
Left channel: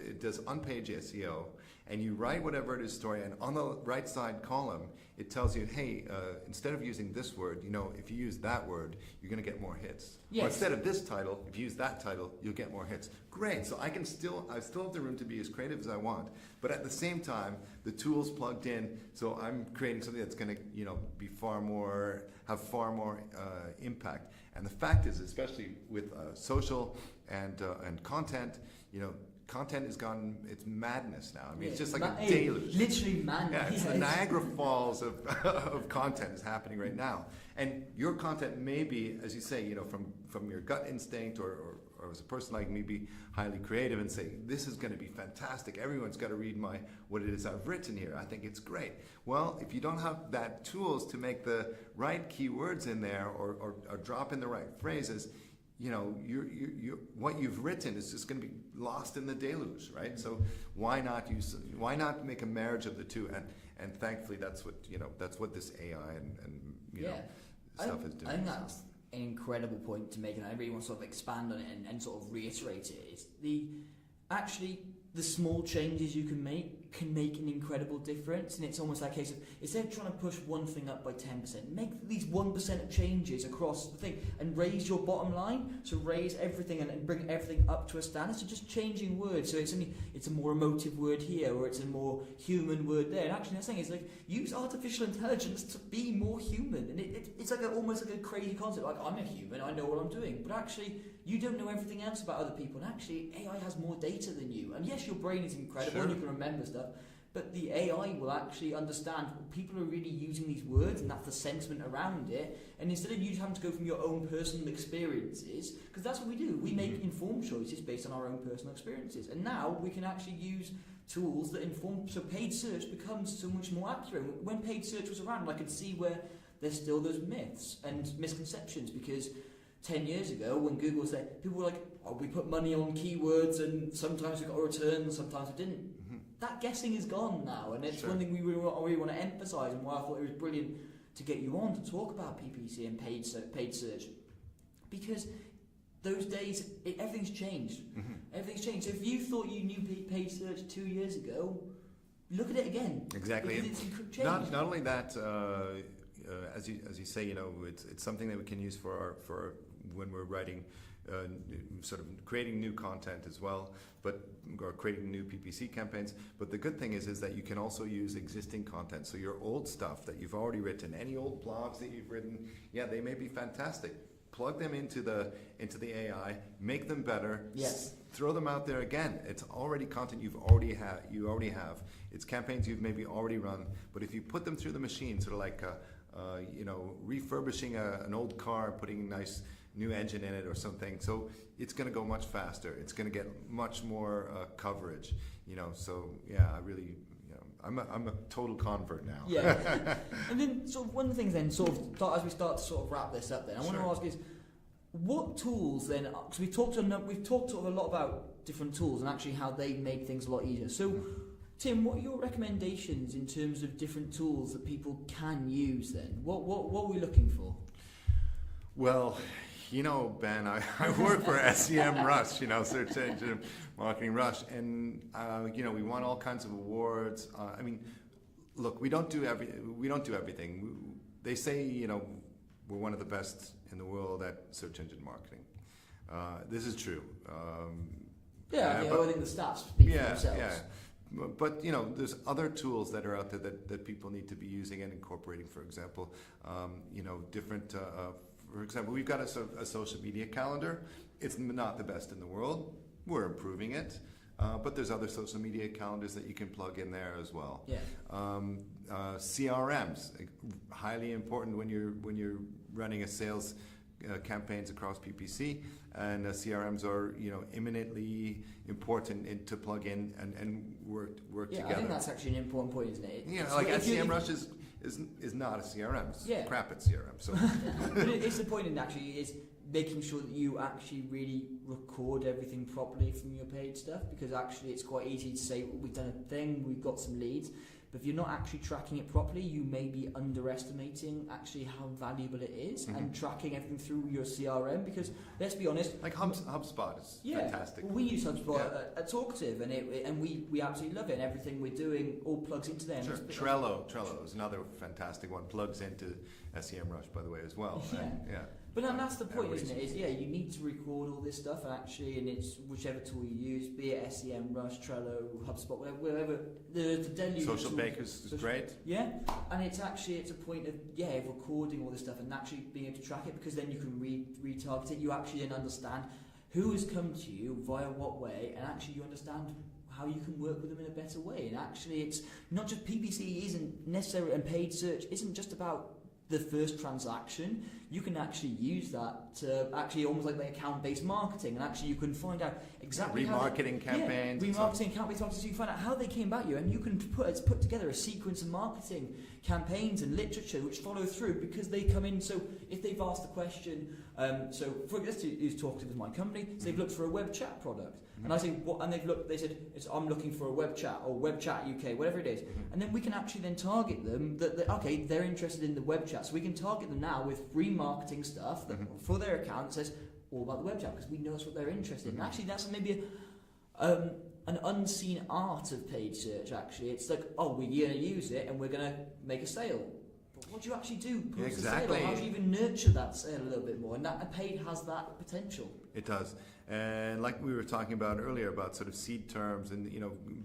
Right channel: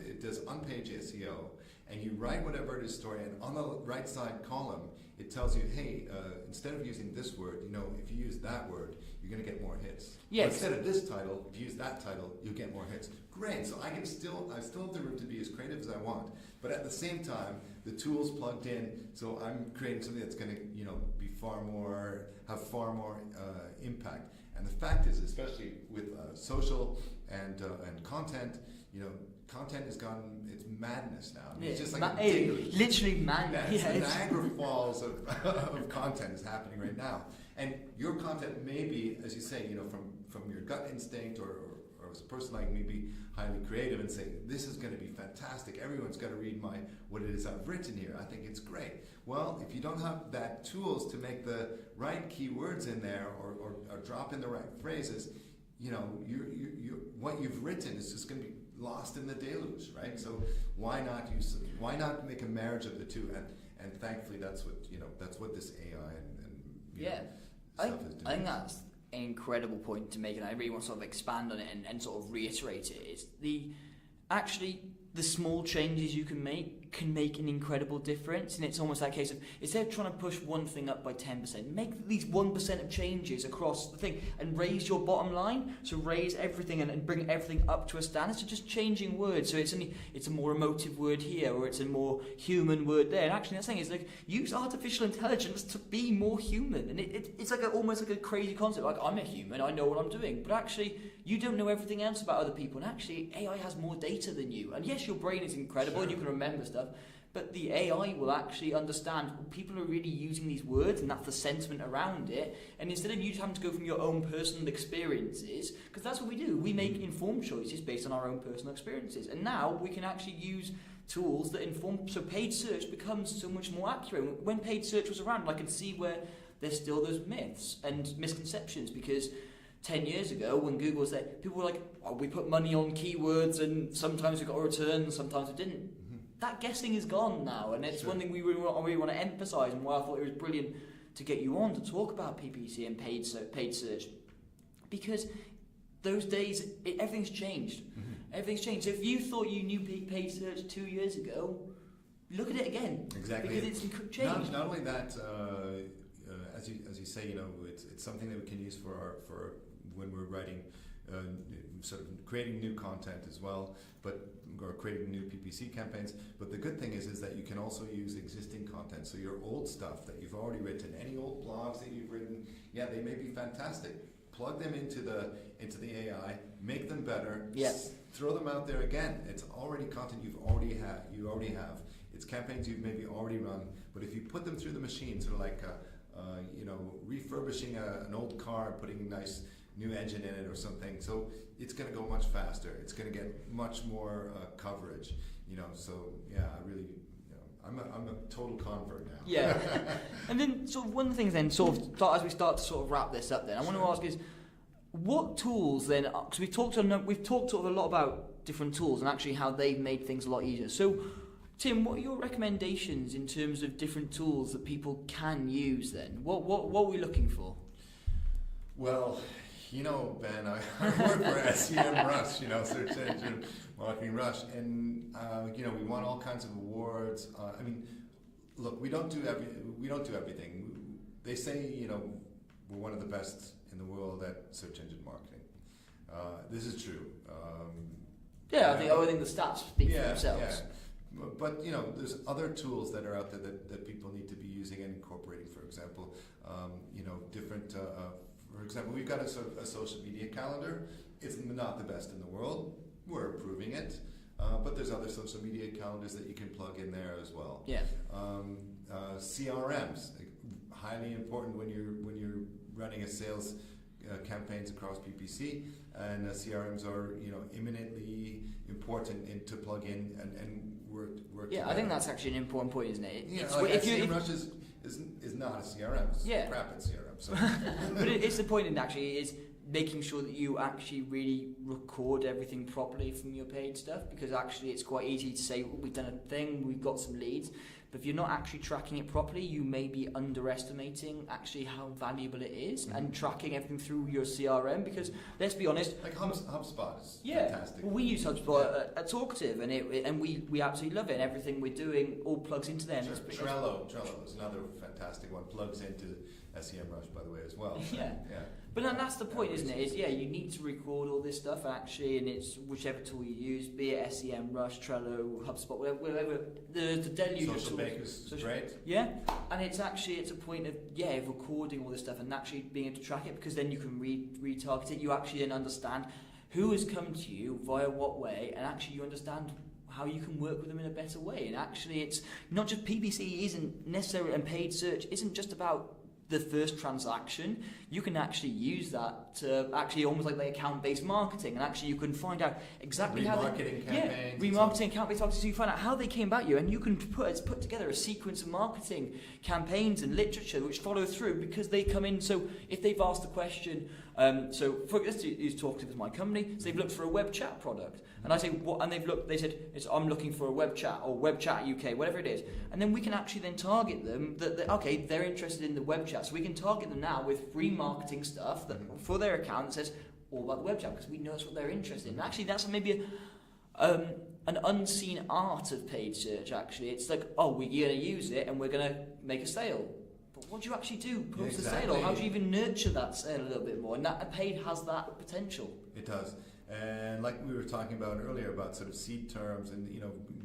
it does on page SEO, and you write whatever it is story, and on the right side column it tells you, hey, instead of using this word, if you use that word, you're going to get more hits. Yes. Or instead of this title, if you use that title, you'll get more hits. Great. So I still have the room to be as creative as I want, but at the same time, the tool's plugged in, so I'm creating something that's going to, be have far more impact. And the fact is, especially with social and content, content has gotten, it's madness now. It's just like daily. Literally madness. Yeah, it's Niagara Falls of content is happening right now. And your content may be, as you say, from your gut instinct, or as a person like me, be highly creative and say, this is going to be fantastic. Everyone's got to read what it is I've written here. I think it's great. Well, if you don't have that tools to make the right keywords in there, or drop in the right phrases, what you've written is just going to be lost in the deluge, right? So why not make a marriage of the two? And thankfully, that's what this AI and stuff is doing. I think that's an incredible point to make, and I really want to sort of expand on it and sort of reiterate it. It's the small changes you can make an incredible difference, and it's almost that case of, instead of trying to push one thing up by 10%, make these 1% changes across the thing and raise your bottom line. So raise everything and bring everything up to a standard. So just changing words. So it's a more emotive word here, or it's a more human word there. And actually, the thing is, like, use artificial intelligence to be more human. And it's like almost like a crazy concept. Like, I'm a human, I know what I'm doing, but actually, you don't know everything else about other people. And actually, AI has more data than you. And yes, your brain is incredible, and you can remember stuff, but the AI will actually understand people are really using these words, and that's the sentiment around it. And instead of you having to go from your own personal experiences, because that's what we do, we make informed choices based on our own personal experiences. And now we can actually use tools that inform, so paid search becomes so much more accurate. When paid search was around, I could see where there's still those myths and misconceptions, because 10 years ago, when Google was there, people were like, oh, we put money on keywords and sometimes we got a return and sometimes we didn't. That guessing is gone now, and it's one thing we really want to emphasise, and why I thought it was brilliant to get you on to talk about PPC and paid search, because those days, everything's changed. Everything's changed. So if you thought you knew paid search 2 years ago, look at it again. Exactly. Because it's changed. Not only that, as you say, it's something that we can use for when we're writing, sort of creating new content as well, or creating new PPC campaigns. But the good thing is that you can also use existing content. So your old stuff that you've already written, any old blogs that you've written, they may be fantastic. Plug them into the AI, make them better. Yes. Throw them out there again. It's already content you already have. It's campaigns you've maybe already run. But if you put them through the machine, sort of like refurbishing an old car, putting a nice new engine in it or something, so it's going to go much faster. It's going to get much more coverage. So I really, I'm a total convert now. Yeah. And then sort of one thing then, as we start to sort of wrap this up, then I want to ask is, what tools then? Because we've talked a lot about different tools and actually how they make things a lot easier. So, Tim, what are your recommendations in terms of different tools that people can use then? What are we looking for? Well, Ben, I work for SEM Rush, Search Engine Marketing Rush, and we won all kinds of awards. Look, we don't do everything. They say, we're one of the best in the world at search engine marketing. This is true. I think the stats speak for themselves. Yeah. But there's other tools that are out there that people need to be using and incorporating. For example, different. For example, we've got a social media calendar. It's not the best in the world. We're improving it, but there's other social media calendars that you can plug in there as well. Yeah. CRMs, highly important when you're running a sales campaigns across PPC, and CRMs are eminently important to plug in and work together. I think that's actually an important point, isn't it? SEM Rush is not a CRM. It's crap at CRM. So. But it's the point, actually, is making sure that you actually really record everything properly from your paid stuff, because actually it's quite easy to say, well, we've done a thing, we've got some leads, but if you're not actually tracking it properly, you may be underestimating actually how valuable it is, and tracking everything through your CRM, because let's be honest, like HubSpot is fantastic. Well, we use HubSpot at Talkative, and we absolutely love it, and everything we're doing all plugs into them. Sure. Trello is another fantastic one, plugs into SEM Rush, by the way, as well. Yeah. But that's the point, isn't it? You need to record all this stuff actually, and it's whichever tool you use, be it SEM Rush, Trello, HubSpot, whatever. The deluge. Social Bakers, great. Yeah, and it's a point of recording all this stuff and actually being able to track it, because then you can retarget it. You actually then understand who has come to you via what way, and actually you understand how you can work with them in a better way. And actually, it's not just PPC isn't necessarily, and paid search isn't just about the first transaction, you can actually use that to actually almost like the account-based marketing, and actually you can find out exactly how remarketing campaigns. Remarketing campaigns, so you find out how they came about you, and you can put together a sequence of marketing campaigns and literature which follow through because they come in. So if they've asked the question, so for this is talking to my company, so they've looked for a web chat product. And I say, what? And they said, I'm looking for a web chat or web chat UK, whatever it is. And then we can actually then target them. Okay, they're interested in the web chat, so we can target them now with free marketing stuff that for their account says all about the web chat because we know what they're interested in. And actually, that's maybe an unseen art of paid search. Actually, it's like, oh, we're going to use it and we're going to make a sale. But what do you actually do post a sale? How do you even nurture that sale a little bit more? And that paid has that potential. It does. And like we were talking about earlier about sort of seed terms and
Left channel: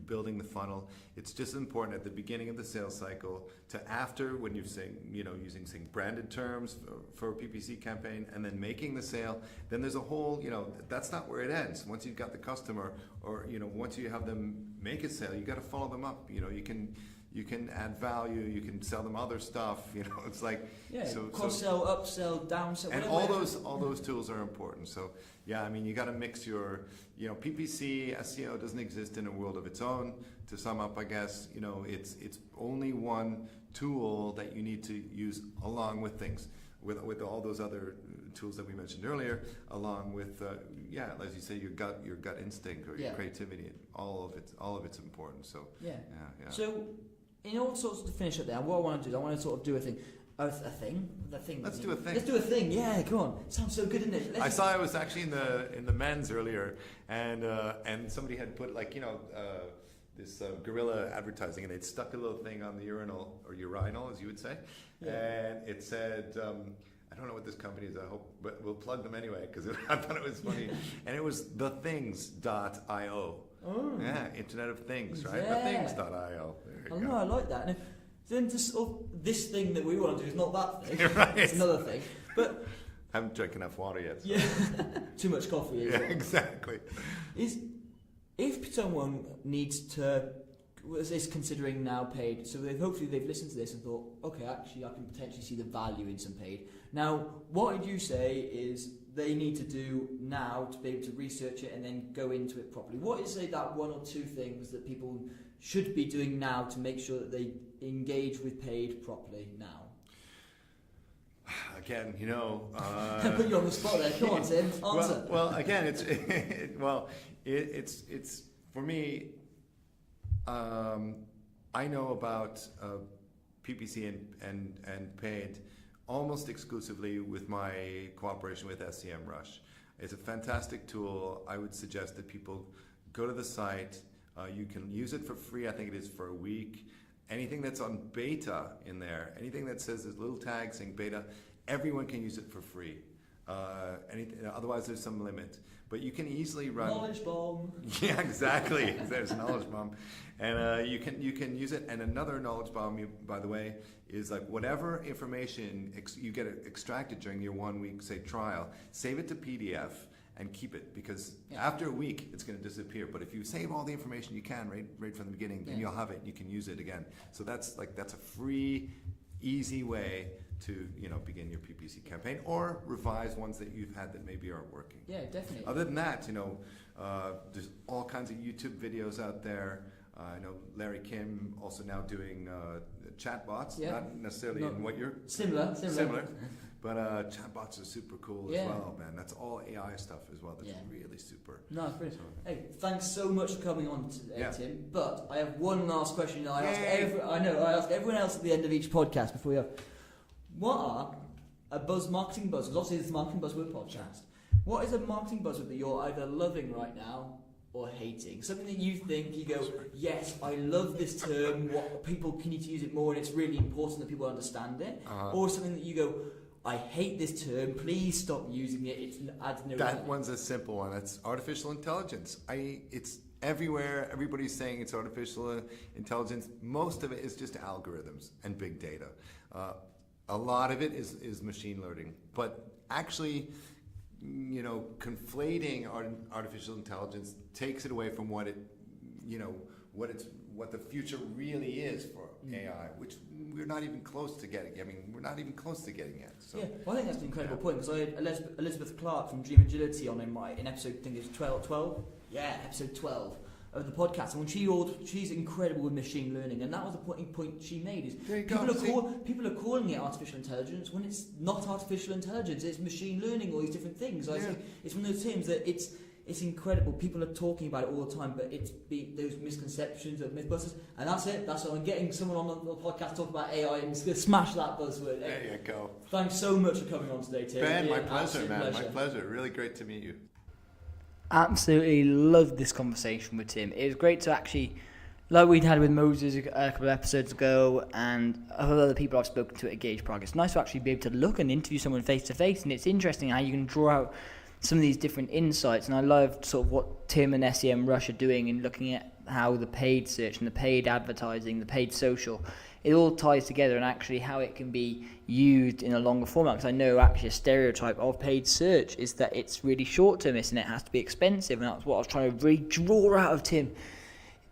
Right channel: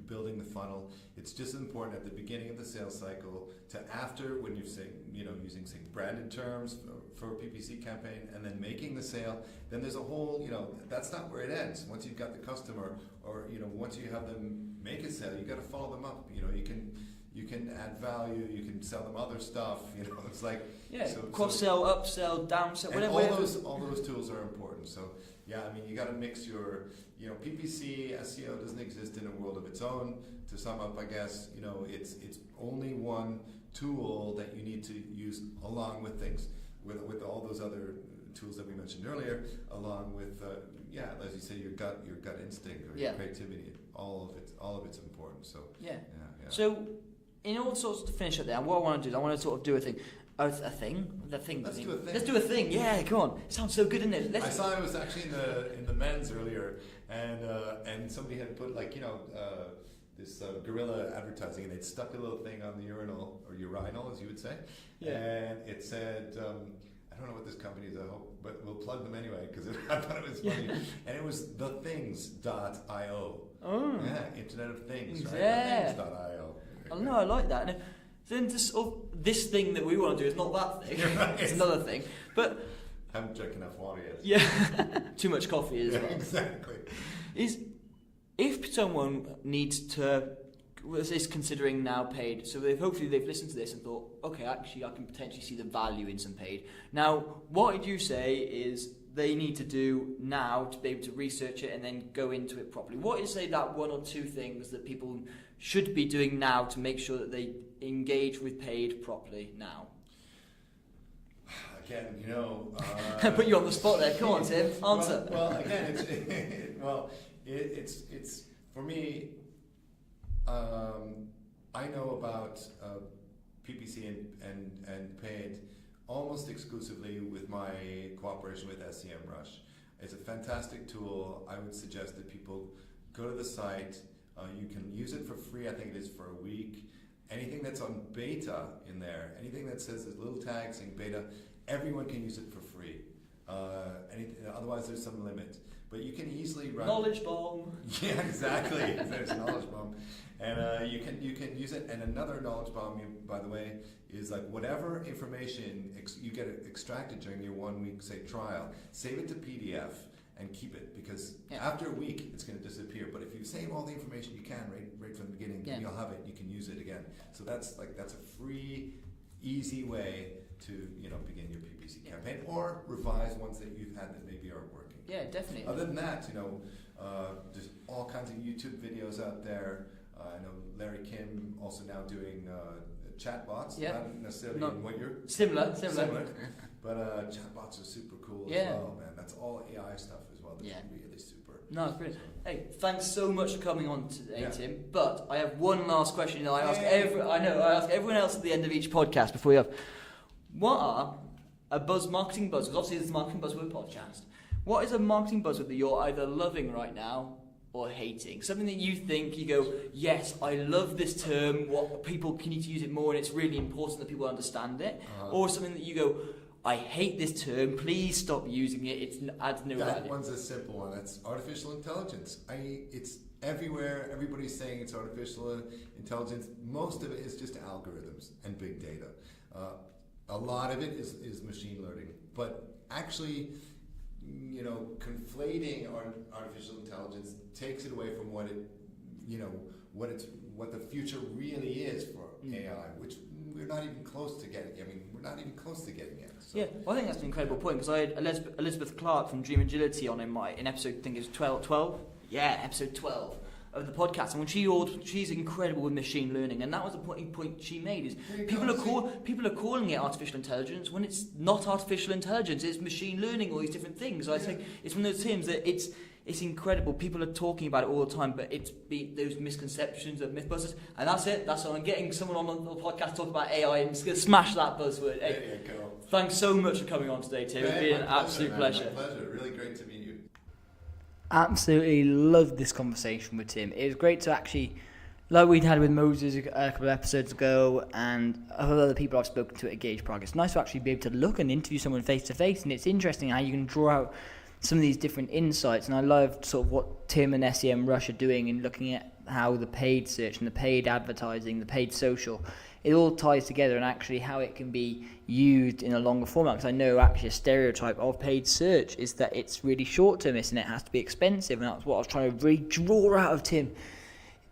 building the funnel, it's just important at the beginning of the sales cycle to after when you're saying using branded terms for a PPC campaign and then making the sale. Then there's a whole that's not where it ends. Once you've got the customer or once you have them make a sale, you got to follow them up. You can add value. You can sell them other stuff. It's like cross-sell, upsell, downsell, and whatever. all those tools are important. So yeah, I mean you got to mix your PPC SEO doesn't exist in a world of its own. To sum up, I guess it's only one tool that you need to use along with things with all those other tools that we mentioned earlier, along with as you say, your gut instinct or your creativity. All of it's important. So yeah. So in all sorts to finish up there, what I want to do is I want to sort of do a thing. Let's do a thing. Let's do a thing. Yeah, come on. It sounds so good, isn't it? I saw it was actually in the men's earlier, and somebody had put this guerrilla advertising, and they'd stuck a little thing on the urinal or urinal, as you would say, and it said, I don't know what this company is, I hope, but we'll plug them anyway because I thought it was funny, and it was thethings.io. Oh, yeah, Internet of Things, right? Yeah. Thethings.io. I know, I like that. And then this thing that we want to do is not that thing. Right. It's another thing. But I haven't drank enough water yet. Yeah, too much coffee as well. Exactly. If someone needs to, is considering now paid, so hopefully they've listened to this and thought, okay, actually I can potentially see the value in some paid. Now, what would you say is they need to do now to be able to research it and then go into it properly? What is, say, that one or two things that people should be doing now to make sure that they engage with paid properly now? Again, put you on the spot there. Come on, Tim. Answer. Well, again, it's for me. I know about PPC and paid almost exclusively with my cooperation with SEMrush. It's a fantastic tool. I would suggest that people go to the site. You can use it for free. I think it is for a week. Anything that's on beta in there, anything that says there's little tags saying beta, everyone can use it for free. Otherwise, there's some limit. But you can easily run knowledge bomb. Yeah, exactly. There's a knowledge bomb, and you can use it. And another knowledge bomb, by the way, is like whatever information you get extracted during your 1 week, say, trial, save it to PDF and keep it, because after a week it's going to disappear. But if you save all the information you can right from the beginning, you'll have it. You can use it again. So that's a free, easy way to begin your PPC campaign or revise ones that you've had that maybe aren't working. Yeah, definitely. Other than that, there's all kinds of YouTube videos out there. I know Larry Kim also now doing chatbots. Not necessarily in what you're similar. But chatbots are super cool as well, man. That's all AI stuff as well. That's really super. No, it's brilliant. Hey, thanks so much for coming on today, Tim. But I have one last question. I ask everyone else at the end of each podcast before we have. What are marketing buzzwords? Obviously, this is Marketing Buzzword Podcast. What is a marketing buzzword that you're either loving right now or hating? Something that you think, you go, yes, I love this term, what people need to use it more, and it's really important that people understand it. Or something that you go, I hate this term, please stop using it, it adds no value. That one's a simple one. It's artificial intelligence. It's everywhere. Everybody's saying it's artificial intelligence. Most of it is just algorithms and big data. A lot of it is machine learning. But actually, conflating artificial intelligence takes it away from what the future really is for AI, which we're not even close to getting. I mean, we're not even close to Yeah, well, I think that's an incredible point, because I had Elizabeth Clark from Dream Agility on in episode, I think it was 12? Yeah, episode 12 of the podcast, and when she's incredible with machine learning, and that was the point she made, is people are calling it artificial intelligence when it's not artificial intelligence, it's machine learning, all these different things. So I think it's one of those terms that it's incredible. People are talking about it all the time, but it's those misconceptions of Mythbusters, and that's it. That's what I'm getting. Someone on the podcast talking about AI, and just going to smash that buzzword. There you go. Thanks so much for coming on today, Tim. It's been an absolute pleasure. My pleasure. Really great to meet you. Absolutely loved this conversation with Tim. It was great to actually, like we'd had with Moses a couple of episodes ago, and other people I've spoken to at Gauge Progress. It's nice to actually be able to look and interview someone face to face, and it's interesting how you can draw out some of these different insights. And I loved sort of what Tim and SEM Rush are doing in looking at how the paid search and the paid advertising, the paid social, it all ties together, and actually how it can be used in a longer format. Because I know actually a stereotype of paid search is that it's really short-termist and it has to be expensive, and that's what I was trying to really draw out of Tim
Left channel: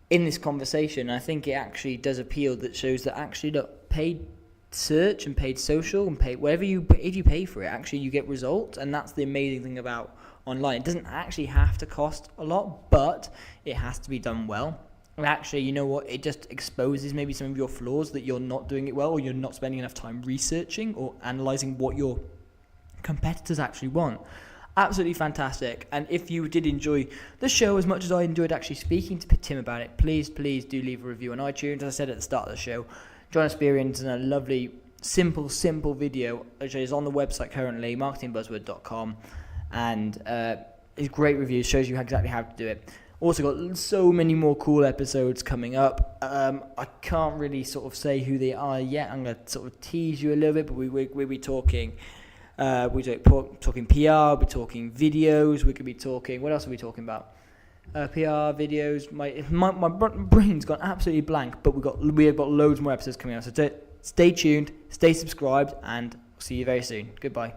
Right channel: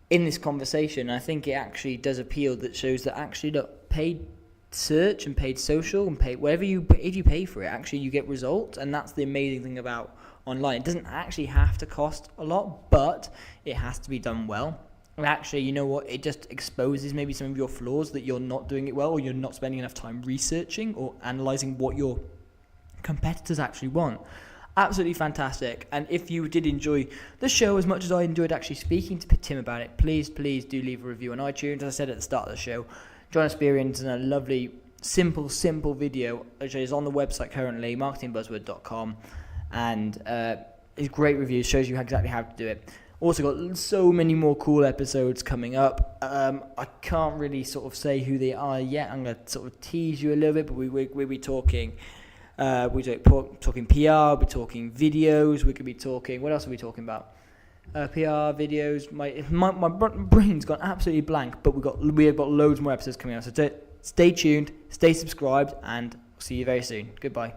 in this conversation. I think it actually does appeal, that shows that actually, look, paid search and paid social and paid whatever if you pay for it, actually you get results. And that's the amazing thing about online. It doesn't actually have to cost a lot, but it has to be done well. And actually, you know what, it just exposes maybe some of your flaws, that you're not doing it well, or you're not spending enough time researching or analysing what your competitors actually want. Absolutely fantastic. And if you did enjoy the show as much as I enjoyed actually speaking to Tim about it, please do leave a review on iTunes. As I said at the start of the show, John Experience and a lovely, simple video, which is on the website currently, marketingbuzzword.com, and it's great reviews, shows you exactly how to do it. Also got so many more cool episodes coming up. I can't really sort of say who they are yet. I'm going to sort of tease you a little bit, but we'll be talking. We're talking PR. We're talking videos. We could be talking. What else are we talking about? PR videos. My brain's gone absolutely blank. But we have got loads more episodes coming out. So stay tuned, stay subscribed, and see you very soon. Goodbye.